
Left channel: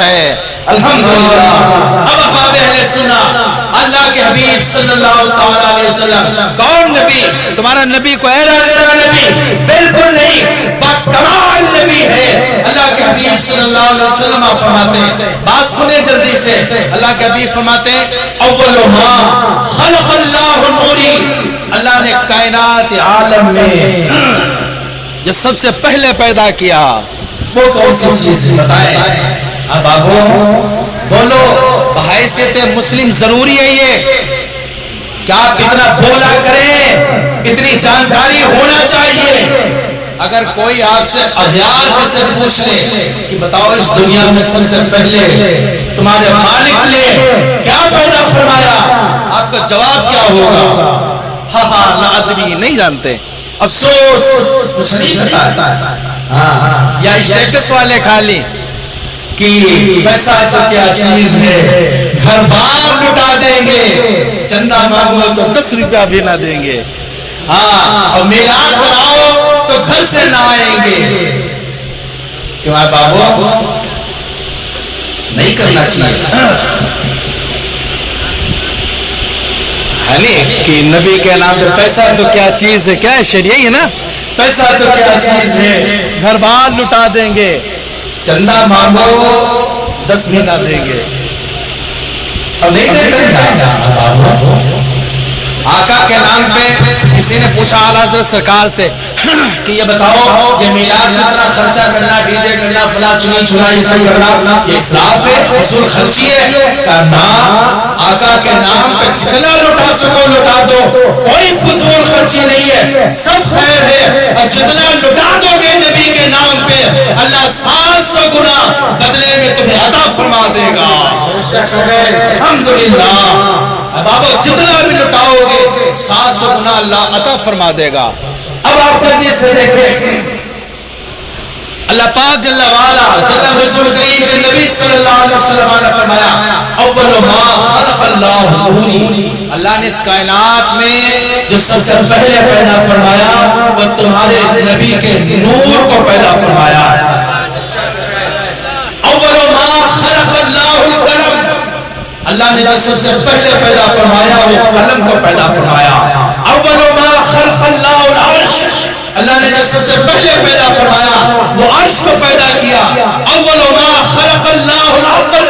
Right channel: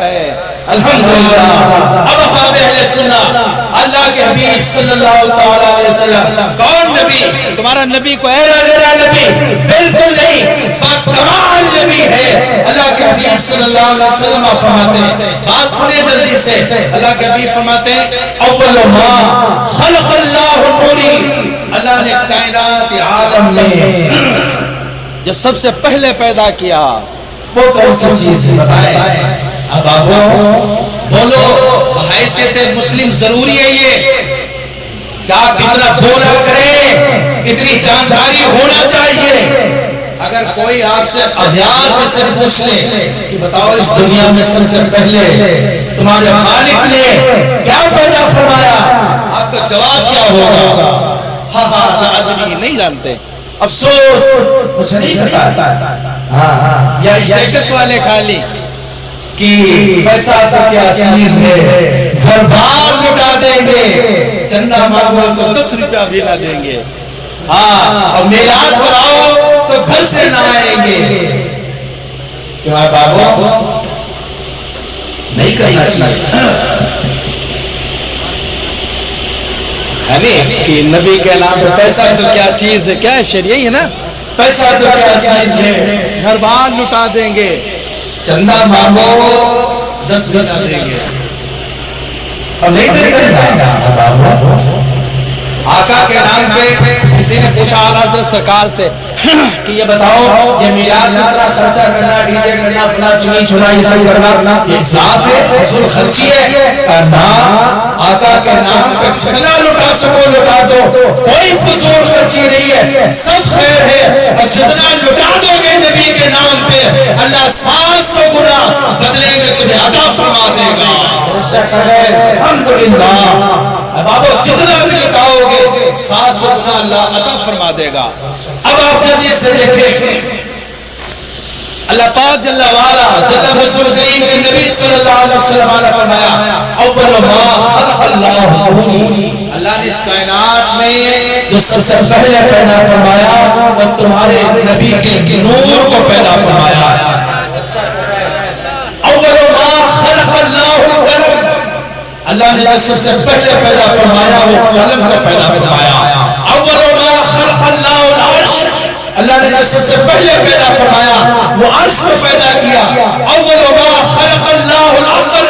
ہے الحمدللہ اب احباب اہل سنہ اللہ کے حبیب صلی اللہ علیہ وسلم کون نبی تمہارا نبی کو ایرا غیرہ نبی بالکل نہیں کمال نبی ہے اللہ کے حبیب صلی اللہ علیہ وسلم فرماتے ہیں بات سنیں جلدی سے اللہ کے حبیب فرماتے ہیں اول ما خلق اللہ نوری اللہ نے کائنات عالم میں جو سب سے پہلے پیدا کیا وہ کون سی چیز ہے بتائیں اب آبو بولو حیثیت مسلم ضروری ہے یہ کیا آپ اتنا بولا کریں اتنی جانکاری ہونا چاہیے اگر کوئی آپ سے اغیار میں سے پوچھ لے کہ بتاؤ اس دنیا میں سب سے پہلے تمہارے مالک نے کیا پیدا فرمایا آپ کا جواب کیا ہوگا ہاں لا ادری نہیں جانتے افسوس کچھ نہیں پتا یا اسٹیٹس والے خالی کہ پیسہ تو کیا چیز ہے گھر بار لٹا دیں گے چندہ مانگو تو 10 روپیہ بھی نہ دیں گے ہاں اور میلاد کراؤ تو گھر سے نہ آئیں گے کیوں آپ بابو نہیں کرنا چاہیے کہ نبی کے نام پہ پیسہ تو کیا چیز ہے کیا شریعی ہے نا پیسہ تو کیا چیز ہے گھر بار لٹا دیں گے چندہ مانگو 10 بھی نہ دیں گے اور نہیں دیتے آقا کے نام پہ کسی نے پوچھا اعلیٰ حضرت سرکار سے کہ یہ بتاؤ یہ میلاد میں اتنا خرچہ کرنا ڈی جے کرنا فلاں چنی چنا یہ سب کرنا یہ اسراف ہے فضول خرچی ہے کرنا آقا کے نام پہ جتنا لٹا سکو لٹا دو کوئی فضول خرچی نہیں ہے سب خیر ہے اور جتنا لٹا دو گے نبی کے نام پہ اللہ 700 گنا بدلے میں تمہیں عطا فرما دے گا الحمدللہ اب آپ جتنا بھی لٹاؤ گے 700 گنا اللہ عطا فرما دے گا اب آپ جلدی سے دیکھیں اللہ پاک جل وعلا جل رسول کریم کے نبی صلی اللہ علیہ وسلم نے فرمایا اول ما خلق اللہ نوری اللہ نے اس کائنات میں جو سب سے پہلے پیدا فرمایا وہ تمہارے نبی کے نور کو پیدا فرمایا اللہ نے جو سب سے پہلے پیدا فرمایا وہ قلم کو پیدا فرمایا. اول ما خلق اللہ العرش, اللہ نے جو سب سے پہلے پیدا فرمایا وہ عرش کو پیدا کیا. اول ما خلق اللہ العقل,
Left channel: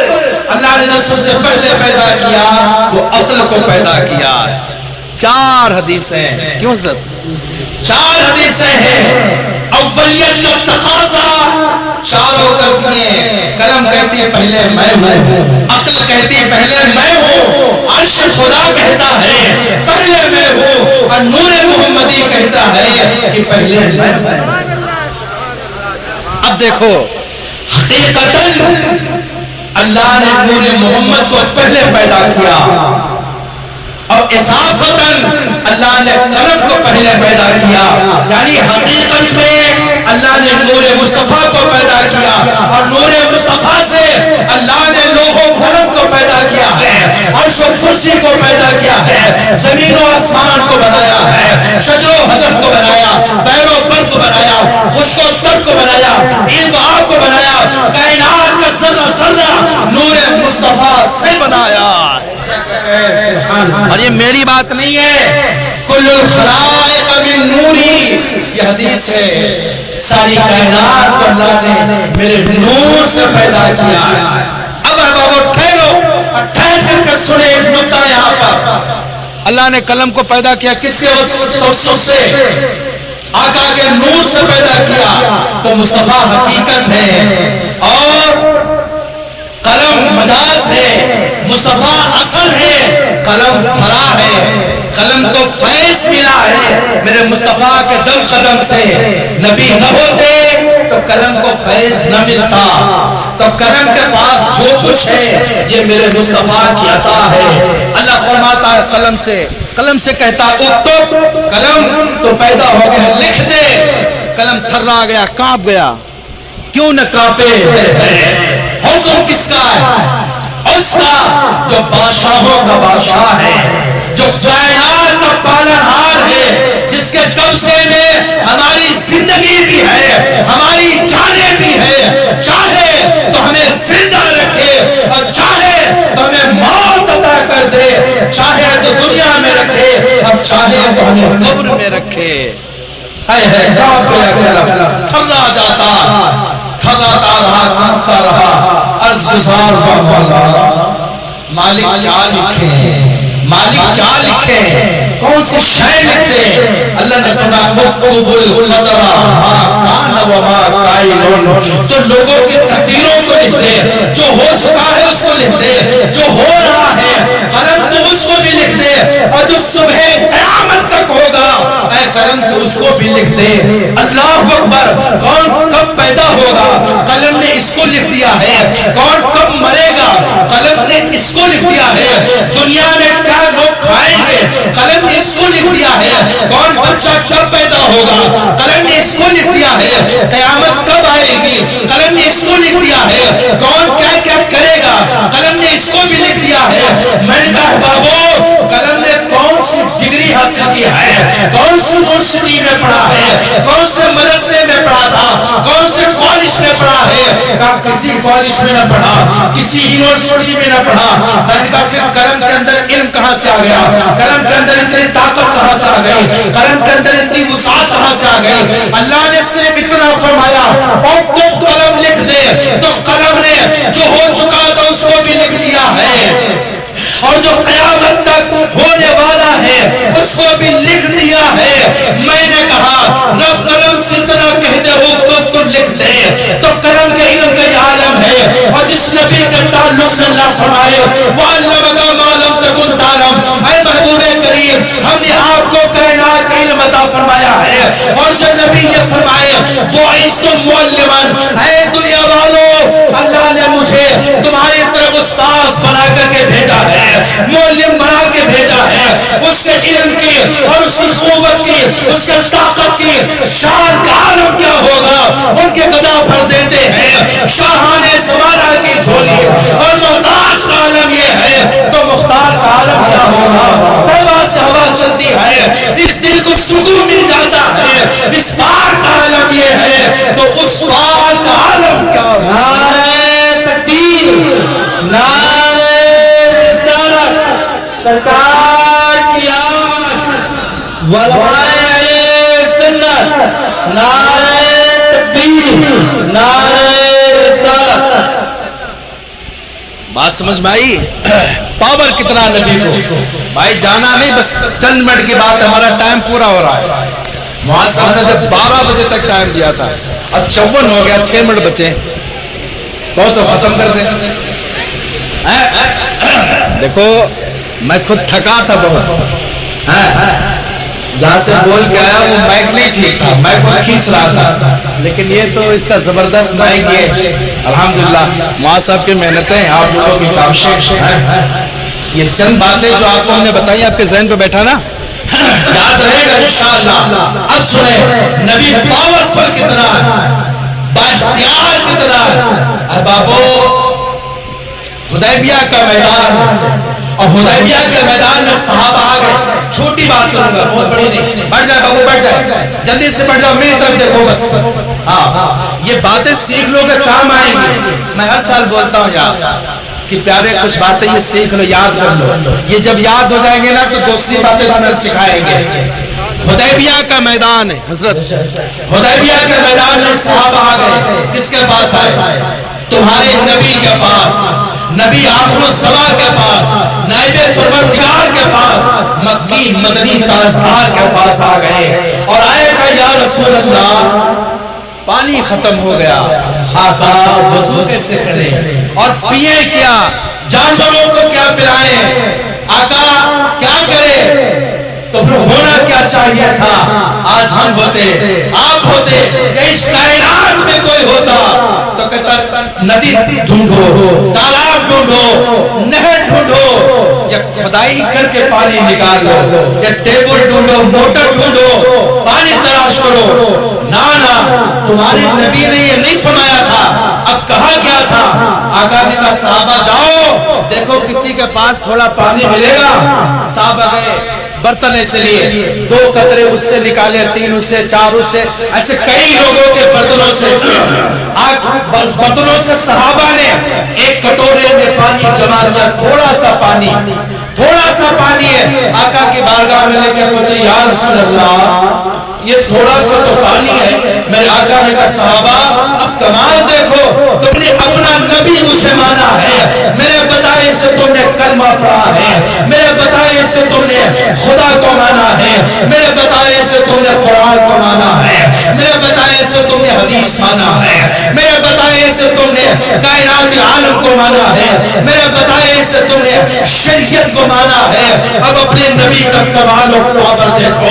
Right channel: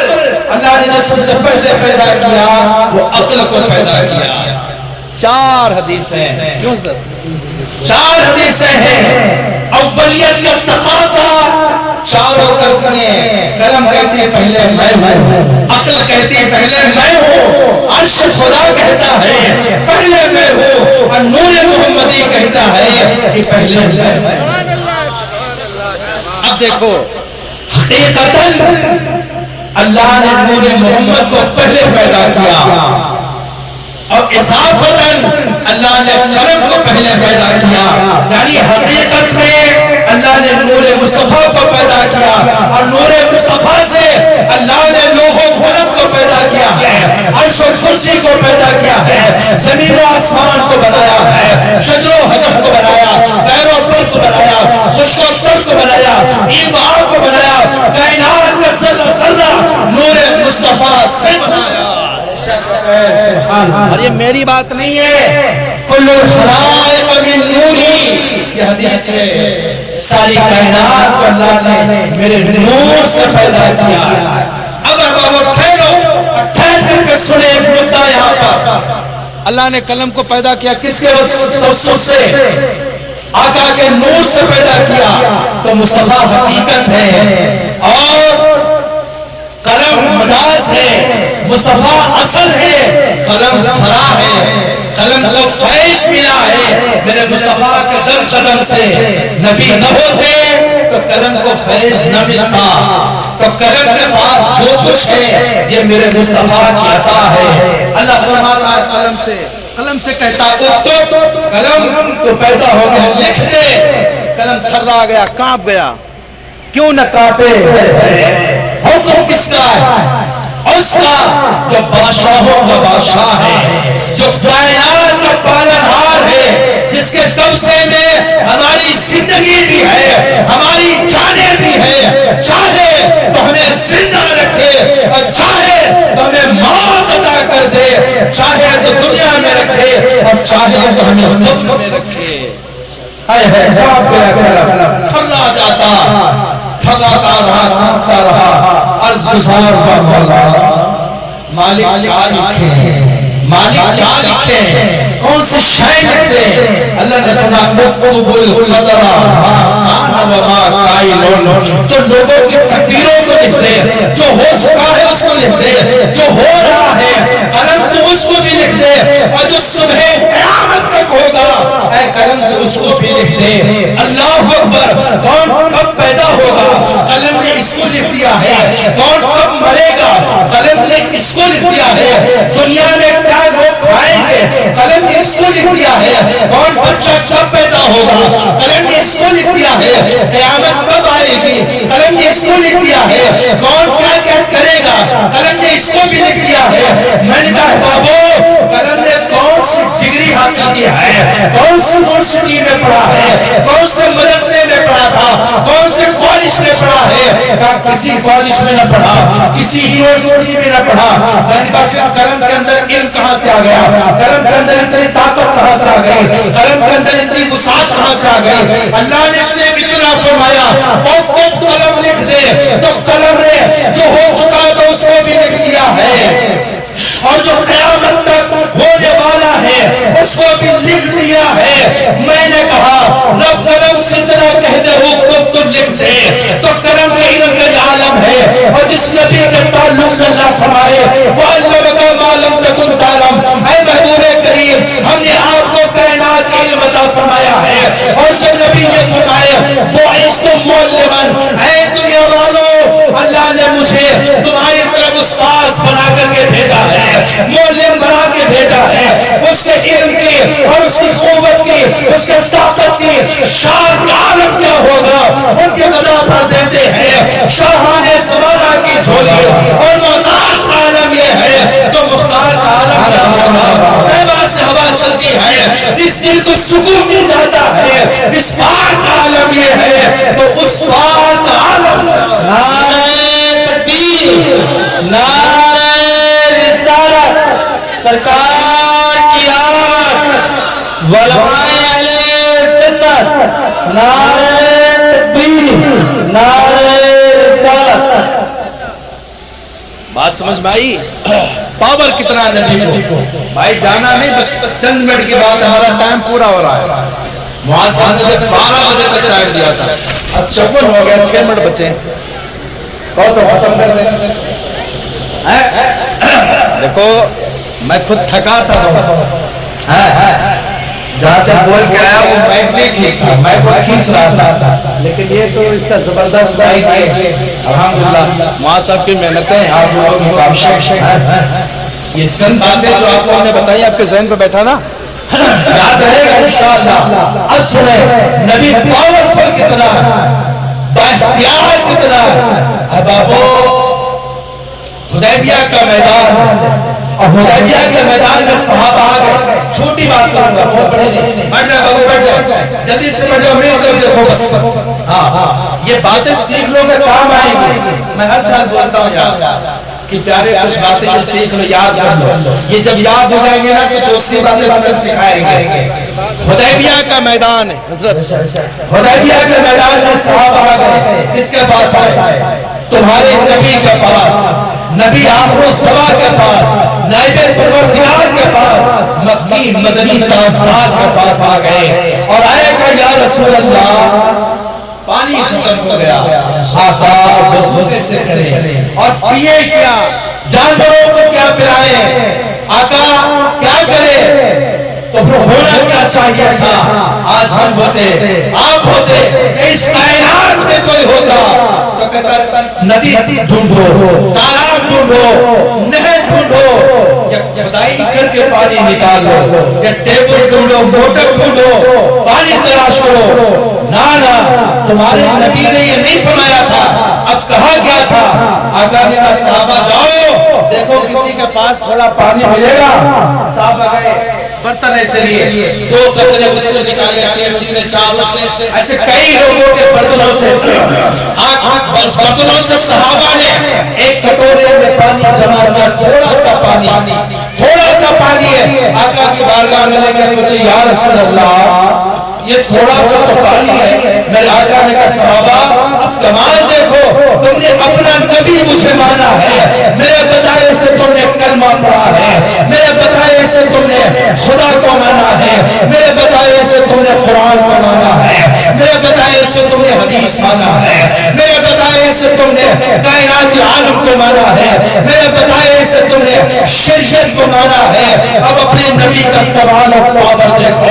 اللہ نے جو سب سے پہلے پیدا کیا وہ عقل کو پیدا کیا. 4 حدیثیں, کیوں حضرت 4 حدیثیں ہیں. اولیت کا تقاضا چاروں کرتی ہیں. قلم کہتی ہے پہلے میں ہوں, عقل کہتی ہے پہلے میں ہوں, عرش خدا کہتا ہے پہلے میں ہوں, اور نور محمدی کہتا ہے کہ پہلے میں ہوں. اب دیکھو حقیقتاً اللہ نے نور محمد کو پہلے پیدا کیا اور اضافتاً اللہ نے قلم کو پہلے پیدا کیا. یعنی حقیقت میں اللہ نے نور مصطفیٰ کو پیدا کیا اور نور مصطفیٰ سے اللہ نے لوح و قلم کو پیدا کیا ہے, عرش و کرسی کو پیدا کیا ہے, زمین و آسمان کو بنایا ہے, شجر و حجر کو بنایا, پیر و پر کو بنایا, خشک و تر کو بنایا, این و آب کو بنایا, کائنات کا ذرہ ذرہ نور مصطفیٰ سے بنایا. اور یہ میری بات نہیں ہے, کل الخلائق من نوری, یہ حدیث ہے. ساری کائنات کو اللہ نے میرے نور سے پیدا کیا ہے. اب بابا ٹھہرو, ٹھہر کر کے سنے ایک نکتہ یہاں پر. اللہ نے قلم کو پیدا کیا کس کے توسط سے؟ آقا کے نور سے پیدا کیا. تو مصطفیٰ حقیقت ہے اور قلم مجاز ہے, مصطفیٰ اصل ہے, قلم فرا ہے. قلم کو فیض ملا ہے میرے مصطفیٰ کے دم قدم سے. نبی نہ ہوتے تو قلم کو فیض نہ ملتا. تو قلم کے پاس جو کچھ ہے یہ میرے مصطفیٰ کی عطا ہے. اللہ فرماتا ہے قلم سے کہتا اکتب, قلم تو پیدا ہو گیا لکھ دے. قلم تھرا گیا, کانپ گیا. کیوں نہ کانپے؟ حکم کس کا ہے؟ اس کا جو بادشاہوں کا بادشاہ ہے, جو کائنات کا پالنہار ہے, جس کے قبضے میں ہماری زندگی بھی ہے, ہماری جانیں بھی ہے. چاہے تو ہمیں زندہ رکھے اور چاہے تو ہمیں موت عطا کر دے, چاہے تو دنیا میں رکھے اور چاہے تو ہمیں قبر میں رکھے. تھرا جاتا, تھراتا رہا, کانپتا رہا. عرض گزار با مولا, مالک کیا لکھے, مالک کیا لکھے, کون سی شے لکھتے؟ اللہ نے فرمایا مکتوب القدر ما کان و ما کائن. تو لوگوں کی تقدیروں کو لکھتے, جو ہو چکا ہے اس کو لکھتے, جو ہو رہا ہے قلم تو اس کو بھی لکھ دے, اور جو صبح قیامت تک ہوگا اے قلم تو اس کو بھی لکھ دے. اللہ اکبر. کون کب پیدا ہوگا قلم نے اس کو لکھ دیا ہے. کون کب مرے گا قلم نے اس کو لکھ دیا ہے. دنیا میں کیا لوگ کھائیں گے قلم نے اس کو لکھ دیا ہے. کون بچہ کب پیدا ہوگا قلم نے اس کو لکھ دیا ہے. قیامت کب آئے گی قلم نے اس کو لکھ دیا ہے. کون کیا کیا کرے گا قلم نے اس کو بھی لکھ دیا ہے. میں نے کہا بابو قلم نے کون سی ڈگری حاصل کیا ہے, کون سی یونیورسٹی میں پڑھا ہے, کون سے مدرسے میں پڑھا تھا, کون سے کالج میں پڑھا ہے؟ کہا کسی کالج میں نہ پڑھا, کسی یونیورسٹی میں نہ پڑھا. میں نے کہا پھر قلم کے اندر علم کہاں سے آ گیا, قلم کے اندر اتنی طاقت کہاں سے آ گئی, قلم کے اندر اتنی وسعت کہاں سے آ گئی؟ اللہ نے صرف اتنا فرمایا اور تو قلم لکھ دے. تو قلم نے جو ہو چکا تو اس کو بھی لکھ دیا ہے, اور جو قیامت تک ہونے والا ہے اس کو بھی لکھ دیا ہے. میں نے کہا رب قلم سے اتنا کہہ دے حکم تو لکھ دے. تو قلم کے علم کا عالم ہے, اور جس نبی کے تعلق سے اللہ فرمائے وَعَلَّمَكَ مَا لَمْ تَكُنْ تَعْلَمْ, اے محبوب کریم ہم نے آپ کو کائنات کا علم عطا فرمایا ہے. اور جب نبی یہ فرمائے بُعِثْتُ مُعَلِّمًا, اے دنیا والو اللہ نے مجھے تمہاری طرف استاذ بنا کر کے بھیجا ہے, معلم بنا کے بھیجا ہے. اس کے علم کی اور اس کی قوت کی, اس کے طاقت کی شان کا عالم کیا ہوگا. ان کے گدا پر دیتے ہیں شاہان زمانہ کی جھولی, اور محتاج کا عالم یہ ہے تو مختار کا عالم کیا ہوگا. پیبا سے ہوا چلتی ہے, اس دل کو سکون مل جاتا ہے. اس پار کا عالم یہ ہے تو اس پار کا عالم کیا ہوگا. نعرہ تکبیر, نعرہ رسالت. سرکار کی آمد علماء اہل سنت نعرہ تکبیر نعرہ رسالت. بات سمجھ بھائی پاور کتنا ہے نبی کو. بھائی جانا نہیں, بس چند منٹ کے بعد ہمارا ٹائم پورا ہو رہا ہے. وہاں صاحب نے 12 بجے تک ٹائم دیا تھا, اب 54 ہو گیا, 6 منٹ بچے تو ختم کر دیں. دیکھو میں خود تھکا تھا بہت, جہاں سے بول کے آیا وہ مائک نہیں ٹھیک تھا, مائک کو کھینچ رہا تھا, لیکن یہ تو اس کا زبردست مائک ہے. الحمدللہ وہاں صاحب کی محنتیں, آپ لوگوں کی کاوشیں, یہ چند باتیں جو آپ لوگوں نے بتائی آپ کے ذہن پہ بیٹھا نا, یاد رہے گا انشاءاللہ. اب سنیں نبی پاورفل کتنا ہے, بااختیار کتنا ہے. احبابو حدیبیہ کا میدان, اور حدیبیہ کے میدان میں صحابہ آ گئے. چھوٹی بات کروں گا, بہت بڑی نہیں. بیٹھ جاؤ بابو, بیٹھ جاؤ, جلدی سے بیٹھ جاؤ, میرے طرف دیکھو بس. ہاں یہ باتیں سیکھ لو گے کام آئیں گی. میں ہر سال بولتا ہوں یار کہ پیارے کچھ باتیں یہ سیکھ لو, یاد کر لو. یہ جب یاد ہو جائیں گے نا تو دوسری باتیں تمہیں سکھائیں گے. حدیبیہ کا میدان ہے حضرت, حدیبیہ کے میدان میں صحابہ آ گئے. کس کے پاس آئے؟ تمہارے نبی کے پاس, نبی آخر الزمان کے پاس, نائب پروردگار کے پاس, مکی مدنی تاجدار کے پاس آ گئے. اور آئے کہ یا رسول اللہ پانی ختم ہو گیا, آقا وضو کیسے کریں اور پیے کیا, جانوروں کو کیا پلائیں, آقا کیا کریں؟ تو پھر ہونا کیا چاہیے تھا؟ آج ہم ہوتے, آپ ہوتے, اس کائنات میں کوئی ہوتا تو کہتا ندی ڈھونڈو, تالاب ڈھونڈو, نہر ڈھونڈو, یا کھدائی کر کے پانی نکال لو, یا ٹیبل ڈھونڈو, موٹر ڈھونڈو, پانی تلاش کرو. نا تمہارے نبی نے یہ نہیں فرمایا تھا. اب کہا کیا تھا؟ آقا نے کہا صحابہ جاؤ دیکھو کسی کے پاس تھوڑا پانی ملے گا. صحابہ گئے, برتن ایسے لیے, 2 قطرے اس سے نکالے, 3 اس سے, 4 اس سے, ایسے کئی لوگوں کے برتنوں سے. برتنوں سے صحابہ نے ایک کٹورے میں پانی جمع کیا, تھوڑا سا پانی, تھوڑا سا پانی ہے. آقا کی بارگاہ میں لے کر پوچھے یا رسول اللہ یہ تھوڑا سا تو پانی ہے. میرے آقا نے کہا صحابہ اب کمال دیکھو, تم نے اپنا نبی مجھے مانا ہے, میرے بتائے سے تم نے کلمہ پڑھا ہے, میرے بتائے سے تم نے خدا کو مانا ہے, میرے بتائے سے تم نے قرآن کو مانا ہے, میرے بتائے سے تم نے حدیث مانا ہے, میرے بتائے سے تم نے کائنات عالم کو مانا ہے, میرے بتائے سے تم نے شریعت کو مانا ہے. اب اپنے نبی کا کمال و پاور دیکھو.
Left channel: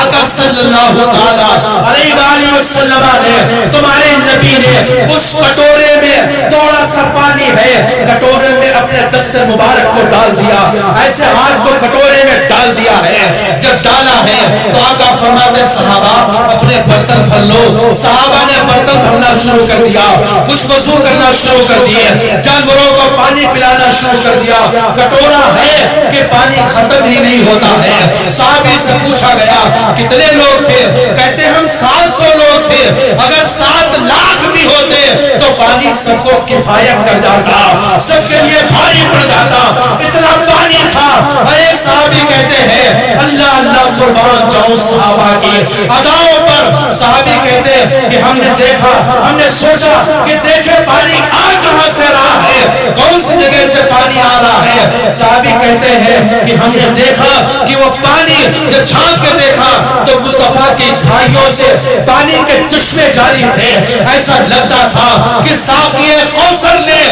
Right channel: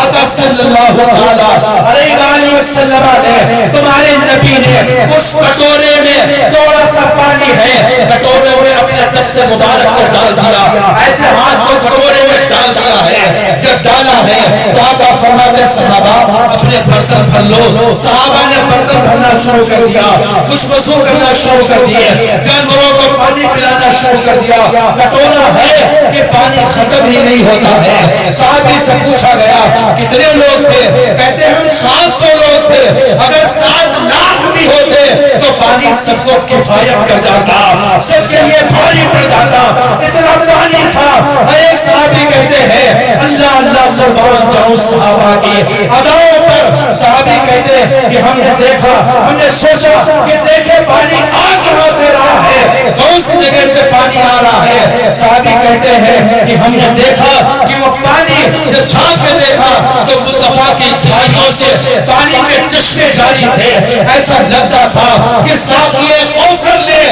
آقا صلی اللہ علیہ وآلہ وسلم نے, تمہارے نبی نے اس کٹورے میں تھوڑا سا پانی ہے, کٹورے میں اپنے دست مبارک کو ڈال دیا, ایسے ہاتھ کو کٹورے میں ڈال دیا ہے. جب ڈالا ہے تو آقا فرماتے صحابہ اپنے برتن بھر لو. صحابہ نے برتن بھرنا شروع کر دیا, کچھ وضو کرنا شروع کر دیے, جانوروں کو پانی پلانا شروع کر دیا. کٹورا ہے کہ پانی ختم ہی نہیں ہوتا ہے. صحابی سے پوچھا گیا کتنے لوگ تھے؟ کہتے ہم 700 لوگ تھے, اگر 7 لاکھ بھی ہوتے تو پانی سب کو کفایت کر جاتا, سب کے لیے بھاری پڑ جاتا, اتنا پانی تھا. ایک صحابی کہتے ہیں اللہ اللہ قربان جاؤں صحابہ کی اداؤں پر. صحابی کہتے ہیں کہ ہم نے دیکھا, ہم نے سوچا کہ دیکھے پانی آ کہاں سے رہا ہے, کون سی جگہ سے پانی آ رہا ہے. صحابی کہتے ہیں کہ ہم نے دیکھا کہ وہ پانی جب چھانک کے دیکھا تو مصطفیٰ کی کھائیوں سے پانی کے چشمے جاری تھے. ایسا لگتا تھا کہ ساقی کوثر نے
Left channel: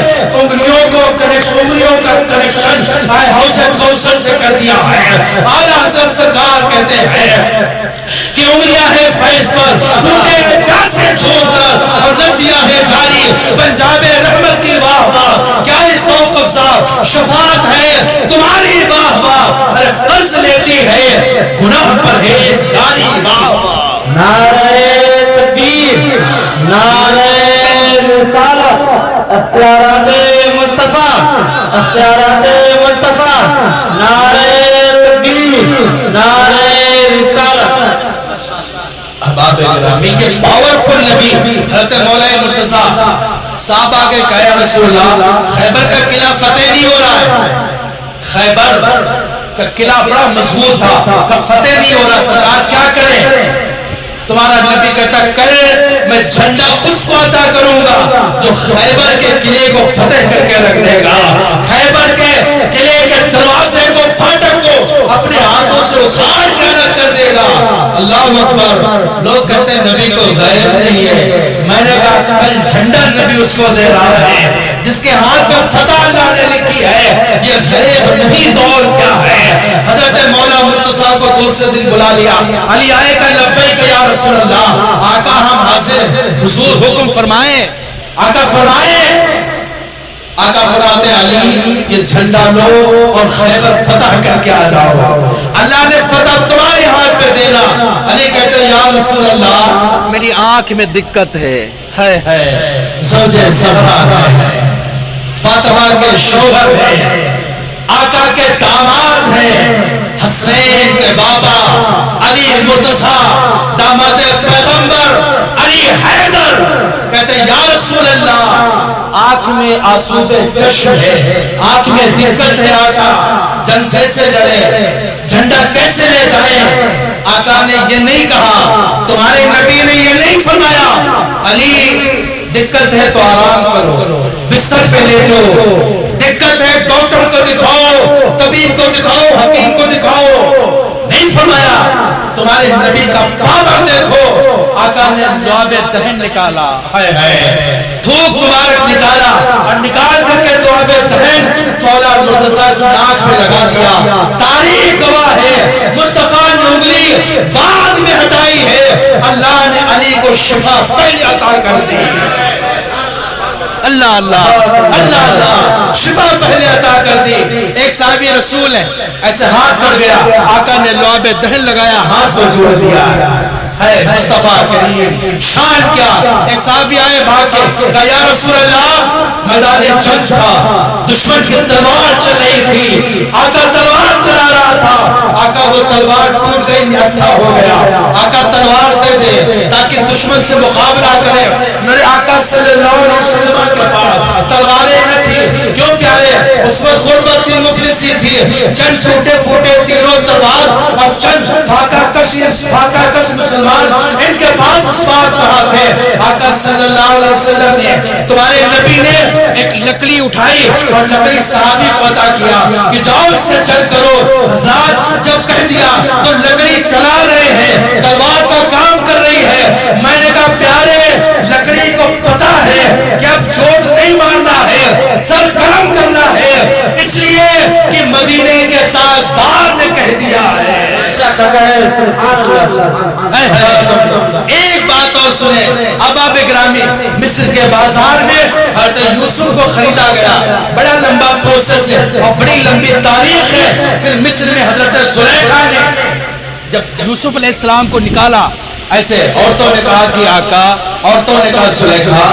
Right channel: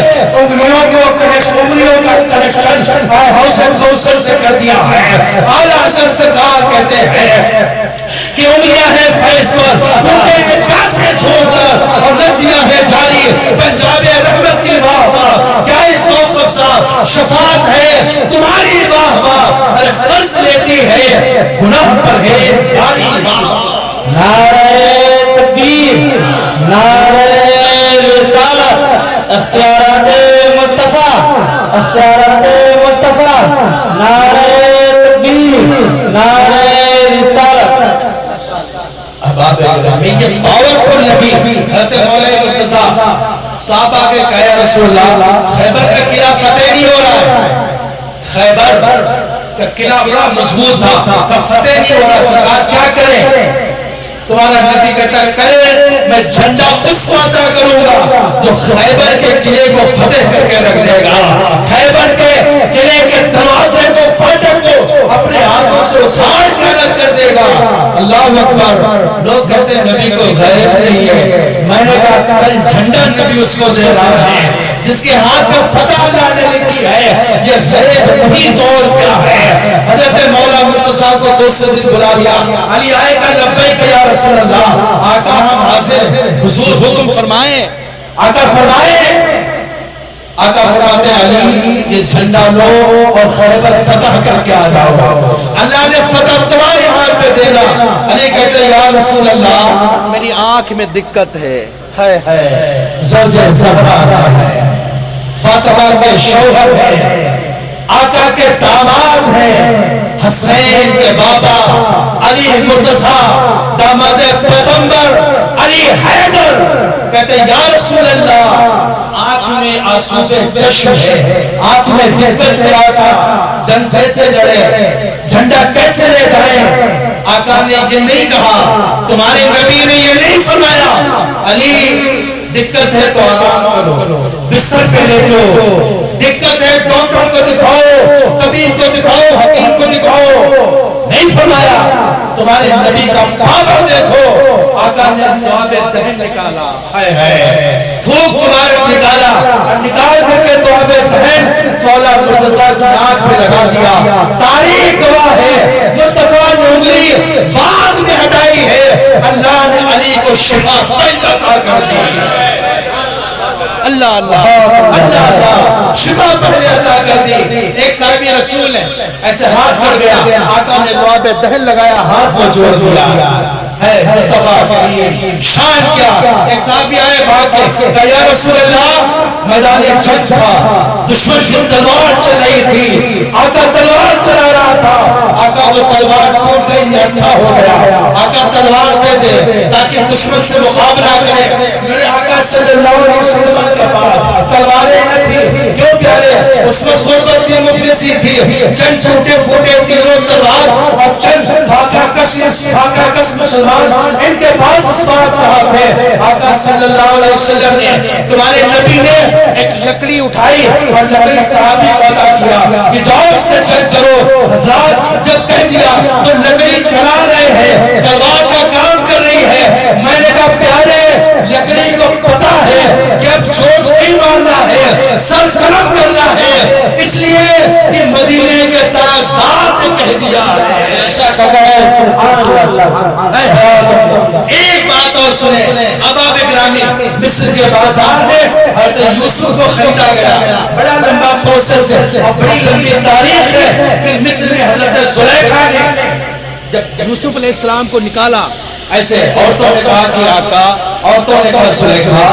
انگلیوں کا کنیکشن حوض کوثر سے کر دیا ہے. اعلیٰ حضرت سرکار کہتے ہیں کہ انگلیاں ہیں فیض پر, پیاسے چھوڑ کر, اور ندیاں ہیں جاری پنجاب رحمت کی واہ واہ. کیا ذوق افزا شفاعت ہے تمہاری واہ واہ, ارے قرض لیتی ہے گناہ پرہیزگاری واہ واہ. نعرہ تکبیر نعرہ رسالت, اختیارات مصطفیٰ, اختیارات مصطفیٰ, نعرہ تکبیر نعرہ رسالت. یہ پاورفل نبی حضرت مولا مرتضیٰ صحابہ کے کہا یا رسول اللہ خیبر کا قلعہ فتح نہیں ہو رہا ہے, خیبر کہ قلعہ بڑا مضبوط تھا کہ فتح نہیں ہو رہا، سرکار کیا کریں؟ تمہارا نبی کہتا ہے کل میں جھنڈا اس کو عطا کروں گا جو خیبر کے قلعے کو فتح کر کے رکھ دے گا، خیبر کے قلعے کے دروازے کو، فاٹک کو اپنے ہاتھوں سے اکھاڑ کے الگ کر دے گا۔ اللہ اکبر۔ لوگ کہتے ہیں نبی کو غیب نہیں ہے، میں نے کہا کل جھنڈا نبی اس کو دے رہا ہے جس کے ہاتھ میں فتح اللہ نے لکھی ہے، یہ غیب نہیں تو اور کیا ہے۔ حضرت مولا مرتضیٰ کو دوسرے دن بلا لیا، علی آئے کہ لبیک یا رسول اللہ، آقا ہم حاضر ہیں، حضور حکم فرمائیں۔ آقا فرمائیں، آقا فرماتے ہیں علی یہ جھنڈا لو اور خیبر فتح کر کے آ جاؤ، اللہ نے فتح تمہارے ہاتھ پہ دینا۔ علی کہتے ہیں یا رسول اللہ میری آنکھ میں دقت ہے، زوجہ زہرا ہے، فاطمہ کے شوہر ہے، آقا کے داماد ہیں، حسنین کے بابا علی مرتضیٰ داماد پیغمبر علی حیدر کہتے ہیں یا رسول اللہ آنکھ میں آنسو پہ چشم ہے، آنکھ میں دقت ہے، آقا جنگ کیسے لڑے، جھنڈا کیسے لے جائیں؟ آقا نے یہ نہیں کہا، تمہارے نبی نے یہ نہیں فرمایا علی دقت ہے تو آرام کرو، بستر پہ لیٹو، دقت ہے ڈاکٹر کو دکھاؤ، طبیب کو دکھاؤ، حکیم کو دکھاؤ، نہیں فرمایا۔ تمہارے نبی کا پاور دیکھو، آقا نے لعاب دہن نکالا، تھوک مبارک نکالا اور نکال کر کے لعاب دہن مولا مرتضیٰ کی آنکھ پہ لگا دیا۔ تاریخ گواہ ہے مصطفیٰ نے انگلی بعد میں ہٹائی ہے، اللہ نے علی کو شفا پہلے عطا کر دی۔ اللہ اللہ اللہ اللہ، شفا پہلے عطا کر دی۔ ایک صحابی رسول ہے ایسے ہاتھ پڑ گیا، آقا نے لعاب دہن لگایا، ہاتھ کو جوڑ دیا ہے مصطفیٰ کے لیے شان کیا۔ ایک صحابی آئے بھاگ کے کہا یا رسول اللہ میدان جنگ تھا، دشمن کی تلوار چل رہی تھی، آقا تلوار چلا رہا تھا، آقا وہ تلوار ٹوٹ گئی، نٹھا ہو گیا، آقا تلوار دے دے تاکہ دشمن سے مقابلہ کرے۔ میرے آقا صلی اللہ علیہ وسلم کے پاس تلواریں نہ تھی، کیوں پیارے؟ اس وقت غربت تھی، مفلسی تھی، چند ٹوٹے پھوٹے تیروں تلوار اور چند فاقہ کس مسلمان ان کے پاس اسباب کہاں تھے؟ آقا صلی اللہ علیہ وسلم نے تمہارے نبی نے ایک لکڑی اٹھائی اور لکڑی صحابی کو عطا کیا کہ جاؤ اس سے جنگ کرو۔ حضرات جب کہہ دیا تو لکڑی چلا رہے ہیں، تلوار کا کام کر رہی ہے۔ میں نے کہا پیارے لکڑی کو پتا ہے کہ اب چوٹ نہیں مارنا ہے، سر قلم کرنا ہے، اس لیے کہ مدینے کے تاجدار نے کہہ دیا ہے۔ ایک بات اور سنیں، احباب گرامی، مصر کے بازار میں حضرت یوسف کو خریدا گیا، بڑا لمبا پروسیس ہے اور بڑی لمبی تاریخ ہے۔ پھر مصر میں حضرت زلیخا نے جب یوسف علیہ السلام کو نکالا، ایسے عورتوں نے کہا کہ آقا، عورتوں نے کہا زلیخا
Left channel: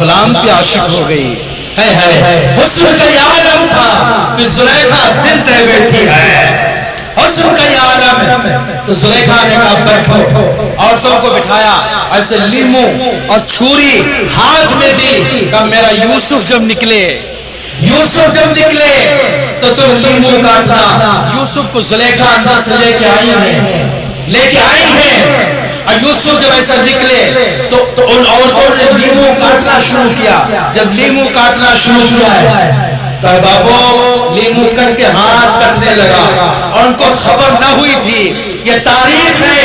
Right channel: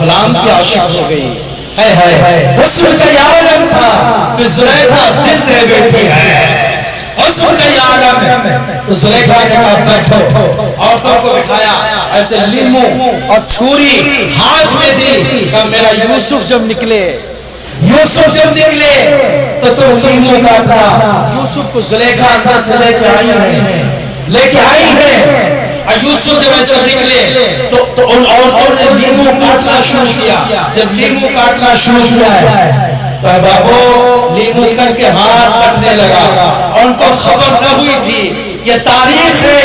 غلام کی عاشق ہو گئی ہے، حسن کا یہ عالم تھا کہ زلیخا دل دے بیٹھی ہے، حسن کا یہ عالم ہے۔ تو زلیخا نے کہا بیٹھو، عورتوں کو بٹھایا، ایسے لیمو اور چھری ہاتھ میں دی، کہا میرا یوسف جب نکلے تو تم لیمو کاٹنا۔ یوسف کو زلیخا اندر سے لے کے آئی ہے، اور یوسف جب ایسا نکلے تو ان عورتوں نے لیمو کاٹنا شروع کیا۔ جب لیمو کاٹنا شروع کیا ہے کہا بابو لیمو کر کے ہاتھ کٹنے لگا، اور ان کو خبر نہ ہوئی تھی، یہ تاریخ ہے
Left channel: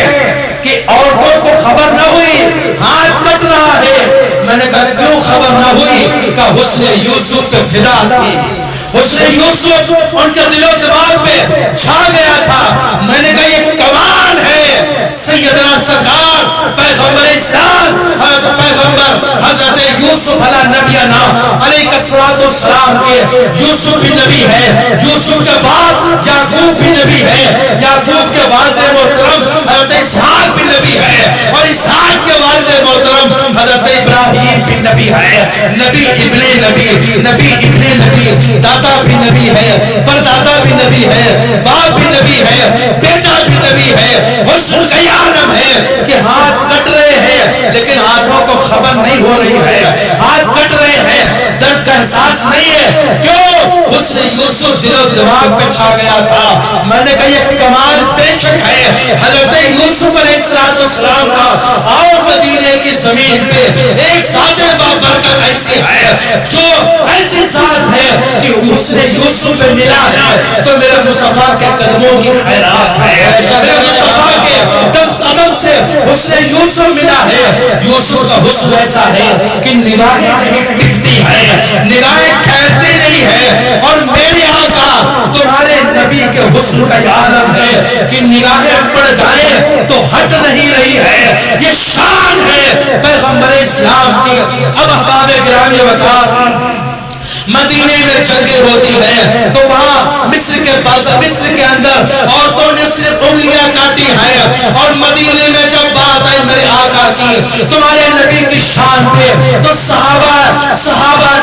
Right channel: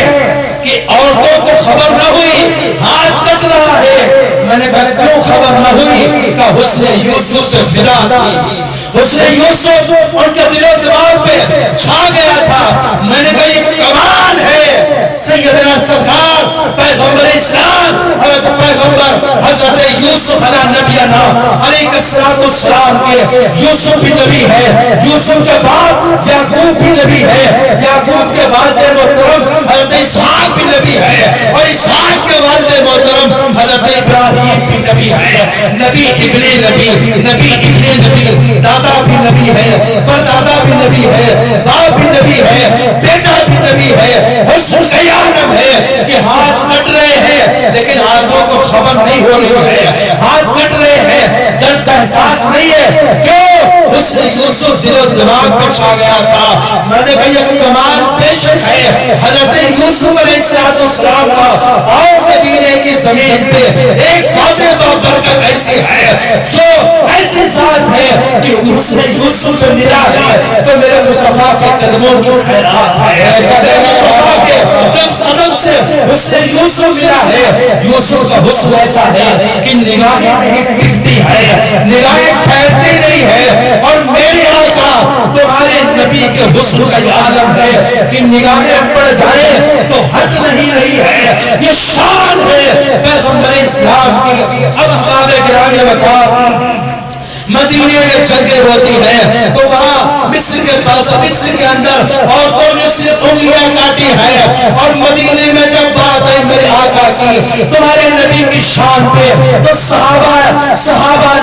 کہ عورتوں کو خبر نہ ہوئی ہاتھ کٹ رہا ہے۔ میں نے کہا کیوں خبر نہ ہوئی؟ کہ حسن یوسف پہ فدا تھی، حسن یوسف ان کے دل و دماغ پہ چھا گیا تھا۔ میں نے کہا یہ کمال ہے، سیدنا سرکار پیغمبر اسلام حضرت پیغمبر حضرت یوسف علیہ نبینا علیہ السلام کے یوسف بھی نبی ہے، یوسف کے باپ یعقوب بھی نبی ہے، یعقوب کے والد محترم حضرت اسحاق بھی نبی ہے، اور اسحاق کے والد محترم حضرت ابراہیم بھی نبی ہے، نبی ابن نبی، نبی ابن نبی، دادا بھی نبی ہے، پردادا بھی نبی ہے، باپ بھی نبی ہے، بیٹا بھی نبی ہے۔ حسن کا یہ عالم ہے کہ ہاتھ کٹ رہے ہیں لیکن ہاتھوں کو خبر نہیں ہو رہی ہے، ہاتھ کٹ رہے ہیں، درد کا احساس نہیں ہے؟ کیوں؟ اس نے یوسف دل و دماغ پہ چھا گیا تھا. میں نے کہا یہ کمال بے شک ہے حضرت یوسف علیہ السلام کا. آؤ مدینے کی زمین پہ ایک ذات بابرکت ایسی ہے جو ایسی ذات ہے کہ اس نے یوسف پہ ملا ہے تو میرے مصطفیٰ کے قدموں کی خیرات ہے. مصطفیٰ کے قدم سے اس نے یوسف ملا ہے. یوسف کا حسن ایسا ہے کہ نگاہیں نہیں ٹکتی ہے, نگاہیں ٹھہرتی نہیں ہے. اور میرے آقا تمہارے نبی کے حسن کا یہ عالم ہے کہ نگاہیں پڑ جائیں تو ہٹ نہیں رہی ہے. یہ شان ہے پیغمبر اسلام کی. اب احباب گرامی وقار مدینے میں جنگیں ہوتی ہیں تو وہاں مصر کے بازار مصر کے اندر عورتوں نے اس سے انگلیاں کاٹی ہیں. اور مدینے میں جب بات آئی میرے آقا کی تمہارے نبی کی شان پہ تو صحابہ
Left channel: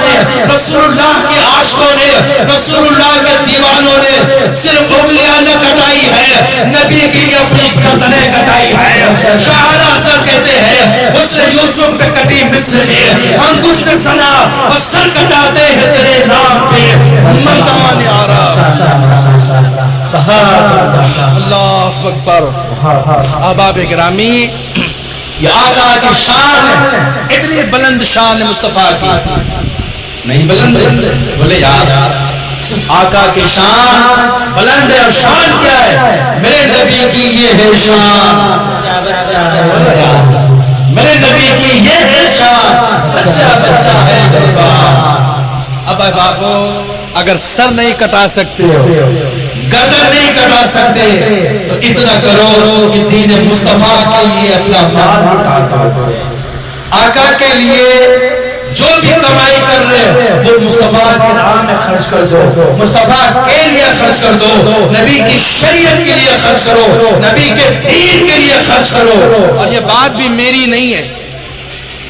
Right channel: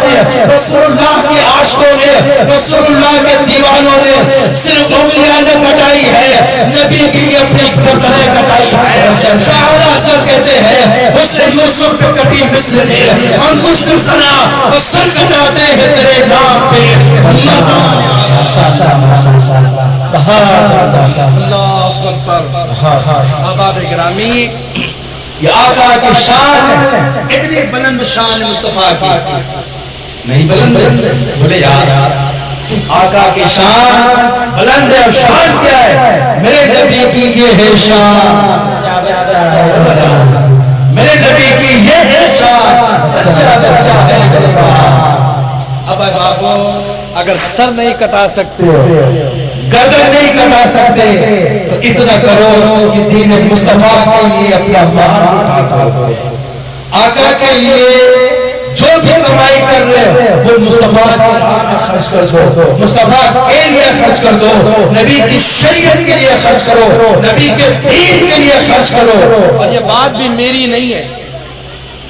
نے رسول اللہ کے عاشقوں نے رسول اللہ کے دیوانوں نے صرف انگلیاں نہ کٹائی ہے, نبی کی اپنی گردنیں کٹائی ہے. شاہد حسن کہتے ہیں اس نے یوسف پہ کٹی مصر نے انگشت سنا اور سر کٹاتے ہیں تیرے نام پہ مردمان اللہ اکبر. احباب گرامی یہ آقا کی شان ہے, اتنی بلند شان مصطفیٰ کی. نہیں بلند بولے یار آقا کی شان بلند ہے. اور شان کیا ہے؟ میرے نبی کی یہ ہے شان, میرے نبی کی یہ ہے شان. اچھا بچہ ہے غریبان. اب بابا اگر سر نہیں کٹا سکتے گردن نہیں کٹا سکتے تو اتنا کرو کہ دین مصطفیٰ کے لیے اپنا مال اٹھا کرو. آقا کے لیے جو بھی کمائی کر رہے وہ مصطفیٰ کے راہ میں خرچ کر دو, مصطفیٰ کے لیے خرچ کر دو, نبی کی شریعت کے لیے خرچ کرو, نبی کے دین کے لیے خرچ کرو. اور یہ بات بھی میری نہیں ہے,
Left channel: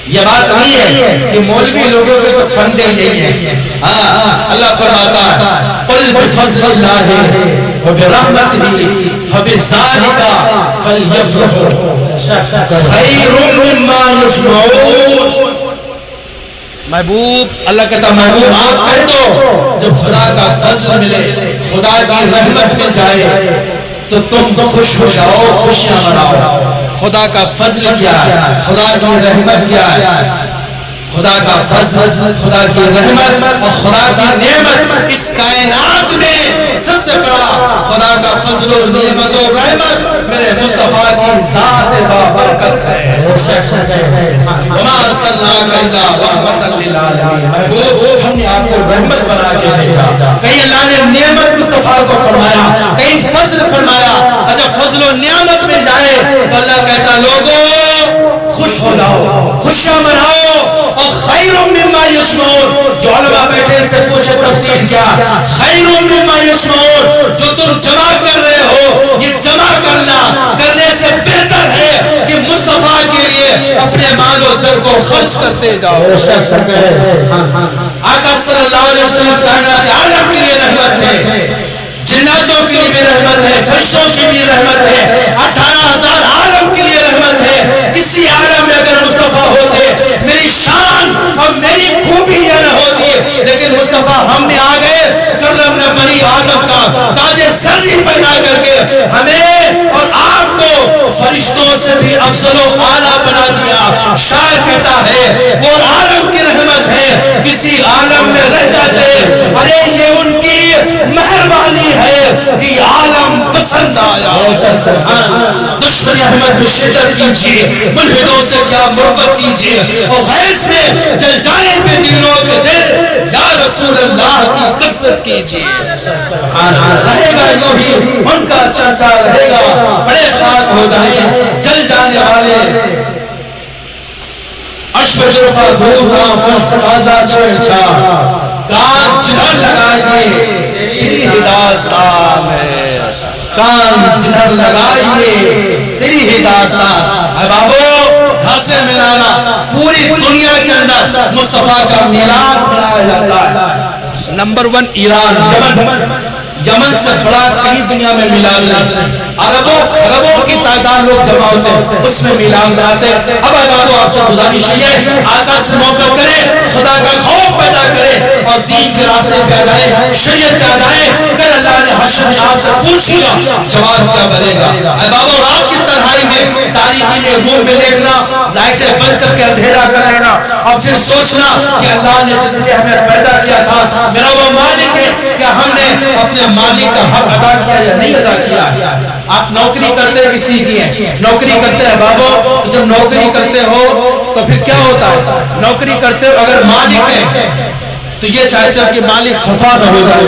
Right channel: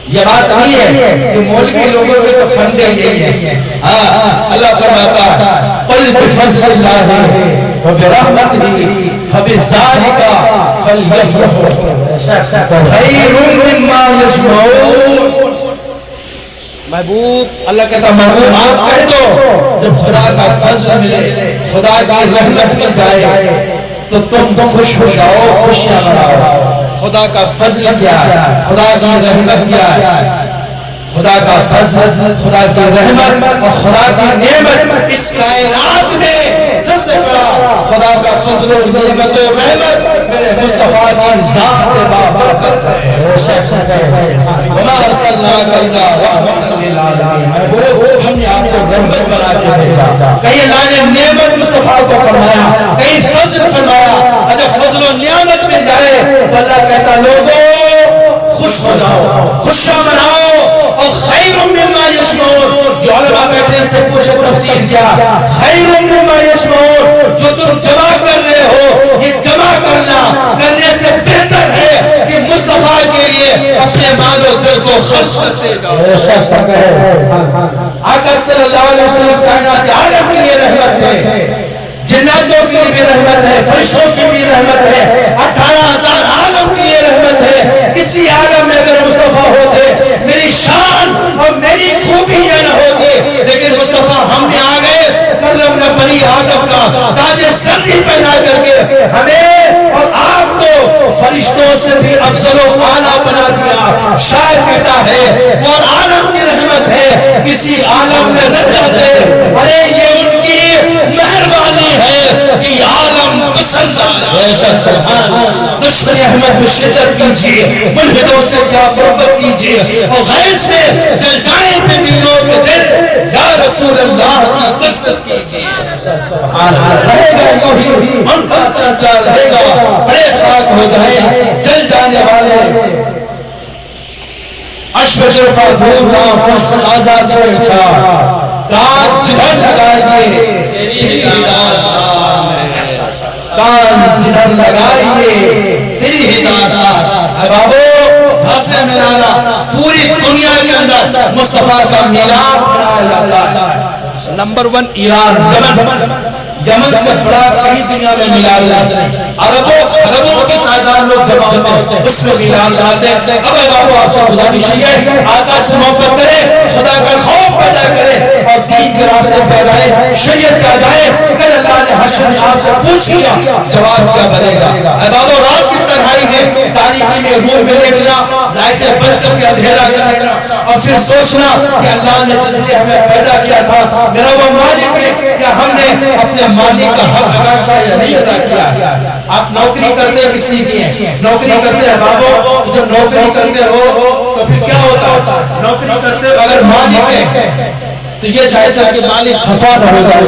یہ بات نہیں ہے کہ مولوی لوگوں کے تو فندے یہی ہے. اللہ فرماتا ہے قل بفضل اللہ وبرحمتہ فبذالک فلیفرحوا خیر مما یجمعون. محبوب اللہ کہتا محبوب آپ کہہ دو جب خدا کا فضل ملے خدا کی رحمت مل جائے تو تم خوش ہو جاؤ, خوشیاں مناؤ. خدا کا فضل کیا ہے, خدا کی رحمت کیا ہے؟ خدا کا فضل, خدا کی رحمت اور خدا کی نعمت اس کائنات میں سب سے بڑا خدا کا فضل و نعمت و رحمت میرے مصطفیٰ کی ذات بابرکت ہے. وما ارسلناک الا رحمۃ للعالمین. ہم نے آپ کو رحمت بنا کے بھیجا. کہیں اللہ نے نعمت مصطفیٰ کو فرمایا, کہیں فضل فرمایا. اگر فضل و نعمت مل جائے تو اللہ کہتا لوگوں خوش ہو جاؤ, خوشیاں مناؤ. اور خیر مما یجمعون, جو علماء بیٹھے سے پوچھے تفسیر کیا خیر مما یجمعون, جو تم جمع کر رہے ہو یہ جمع کرنے سے بہتر ہے کہ مصطفیٰ کے لیے اپنے مال و زر کو خرچ کرتے جاؤ. آقا صلی اللہ علیہ وسلم کائنات عالم کے لیے رحمت ہے, جناتوں کے لیے بھی رحمت ہے, فرشتوں کی بھی رحمت ہے, 18,000 عالم کے لیے رحمت ہے. کسی عالم میں اگر مصطفیٰ ہوتے میری شان اور میری خوبیاں نہ ہوتی, لیکن مصطفیٰ ہم بھی آ گئے کرم نے بنی آدم کا تاج سری پہنا کر کے ہمیں اور آپ کو فرشتوں سے بھی افضل و اعلیٰ بنا دیا. شاعر کہتا ہے وہ عالم کی رحمت ہے, کسی عالم میں رہ جاتے ارے یہ ان کی مہربانی ہے کہ عالم پسند آیا. دشمن احمد میں شدت کیجیے, ملحدوں سے کیا محبت کیجیے, اور غیظ میں جل جائیں بے دینوں کے دل, یا رسول اللہ کی کثرت کیجیے. رہے گا یوں ہی ان کا چرچا رہے گا, بڑے خاک ہو جائیں جل جانے والے. اشب جرفا دھونا فرش پر آزاد چھوڑ چھاڑ, کان جدھر لگائیے تیری داستان ہے, کان جدھر لگائیے تیری داستان. اے بابو گھاسے ملانا, پوری دنیا کے اندر مصطفیٰ کا میلاد منایا جاتا ہے. نمبر 1 ایران, یمن سے بڑا کہیں دنیا میں میلاد نہیں. عربوں کی تعداد لوگ جمع ہوتے اس میں میلاد مناتے. اب بابو آپ سے گزارش ہے آقا سے محبت کریں, خدا کا خوف پیدا کریں, اور دین کے راستے پہ آ جائے, شریعت پہ آ جائے, پھر اللہ نے حشر میں آپ سے پوچھ لیا جواب کیا بنے گا. اے بابا رات کی تنہائی میں تاریکی میں روم میں لیٹنا, لائٹیں بند کر کے اندھیرا کر لینا اور پھر سوچنا کہ اللہ نے جس نے ہمیں پیدا کیا تھا میرا وہ مالک ہے کہ ہم نے اپنے مالک کا حق ادا کیا یا نہیں ادا کیا. آپ نوکری کرتے کسی کی ہیں, نوکری کرتے ہیں بابا, تو جب نوکری کرتے ہو تو پھر کیا ہوتا ہے, نوکری کرتے ہو اگر مالک ہے تو یہ چاہتا کہ مالک خفا نہ ہو جائے,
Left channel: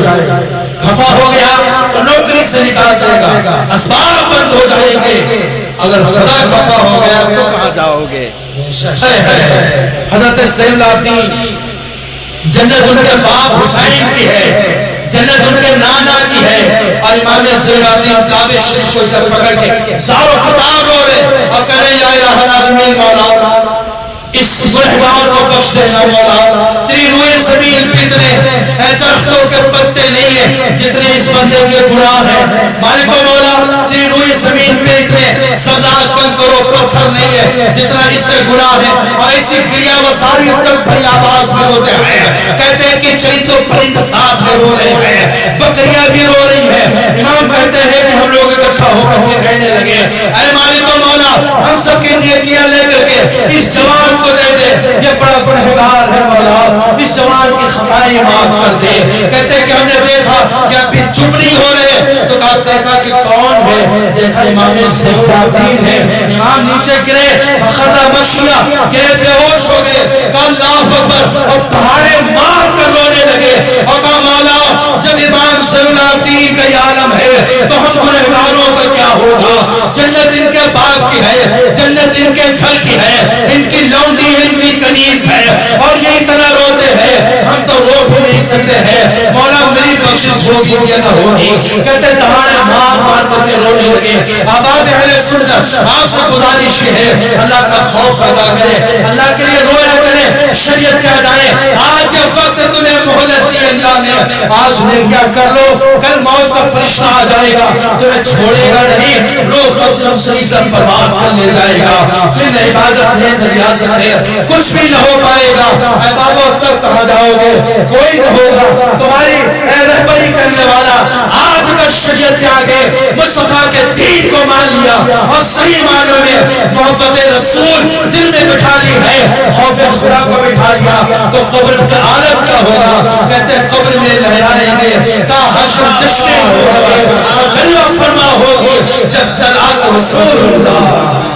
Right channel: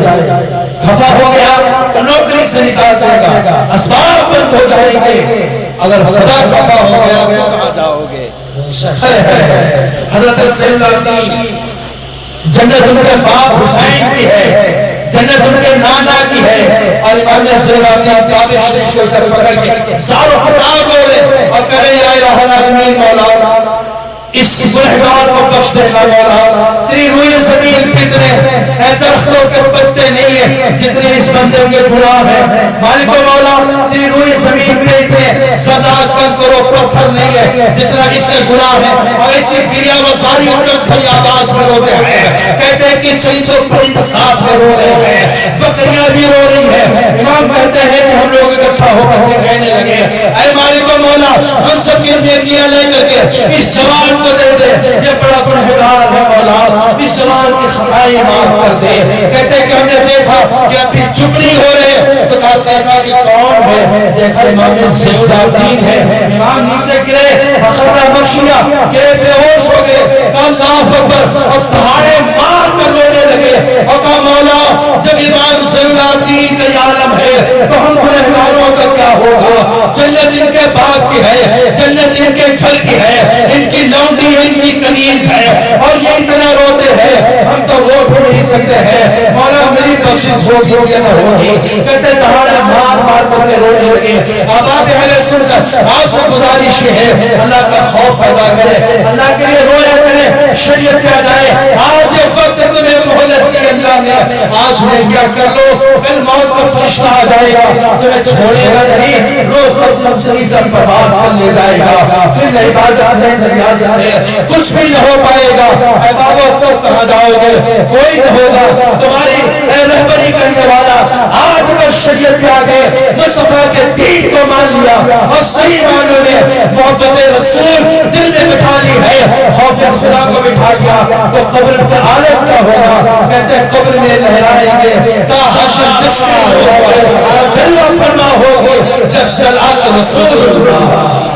خفا ہو گیا تو نوکری سے نکال دے گا, اسباب بند ہو جائیں گے. اگر خدا خفا ہو گیا تو کہاں جاؤ گے. حضرت سید العابدین جنت ان کے باپ حسین کی ہے, جنت ان کے نانا کی ہے, اور امام سید العابدین کعبہ شریف کو اسے پکڑ کے ساروں قطار رو رہے اور کہہ رہے یا الہ العالمین مولا اس گنہگار کو بخش دے اللہ مولا, تیری روئے زمین پہ اتنے اے درختوں کے پتے نہیں ہیں جتنے اس بندے کے گناہ ہیں. مالک و مولا تیری روئے زمین پہ اتنے سزاق کنکر و پتھر نہیں ہے جتنا اس کے گناہ ہیں. اور اسی گریا و ساری کمپنی آواز میں روتے ہیں, کہتے ہیں کہ چرند و پرند ساتھ میں رو رہے ہیں, بکریاں بھی رو رہی ہیں. امام کہتے ہیں کہ ہم لوگ اکٹھا ہو کر کے کہنے لگے اے مالک و مولا ہم سب کی نیکیاں لے کر کے اس جوان کو دے دے, یہ بڑا پرہیزگار ہے مولا, اس جوان کی خطائیں معاف کر دے. کہتے ہیں کہ ہم نے دیکھا کہ ابھی چپ نہیں ہو رہے, تو کہا دیکھا کہ کون ہے, دیکھا امام سید العابدین ہے. امام نیچے گرے فخر مشیا گرے بے ہوش ہو گئے, کہا اللہ اکبر, اور پہاڑے مار کر رونے لگے اور کہا مولا جب امام سید العابدین کا یہ عالم ہے تو ہم گنہگاروں کا کیا ہوگا. جنت ان کے باپ کی ہے, جنت ان کے گھر کی ہے, ان کی لونڈی ان کی کنیز ہے, اور یہ اتنا روتے ہیں ہم تو رو بھی نہیں سکتے ہیں. مولا میری بخشش ہوگی یا نہ ہوگی. کہتے دہاڑے مار مار کر کے رونے لگے. آباد اہل سنت آپ سے گزارش یہ ہے اللہ کا خوف پیدا کرے, اللہ کے لیے رویا کرے, شریعت پہ آ جائے. آج یہ وقت تمہیں مہلت دی اللہ نے, آج نے کیا کر لو, کل موت کا فرشتہ آ جائے گا تمہیں چھوڑے گا نہیں, روح قبض دوسری سے پرواز کر لے جائے گا. پھر نہ عبادت ہے نہ ریاضت ہے, کچھ بھی نہ ہو پائے گا. اے بابا تب کہاں جاؤ گے, کوئی نہ ہوگا تمہاری اے رہبری کرنے والا. آج اگر شریعت پہ آگے مصطفیٰ کے دین کو مان لیا اور صحیح معنوں میں محبت رسول دل میں بٹھا لی ہے, خوف خدا کو بٹھا لیا, تو قبر کا عالم کیا ہوگا. کہتے ہیں قبر میں لہرائیں گے تا حشر جشن ہوگا, جلوہ فرما ہوگی جب دلال رسول اللہ.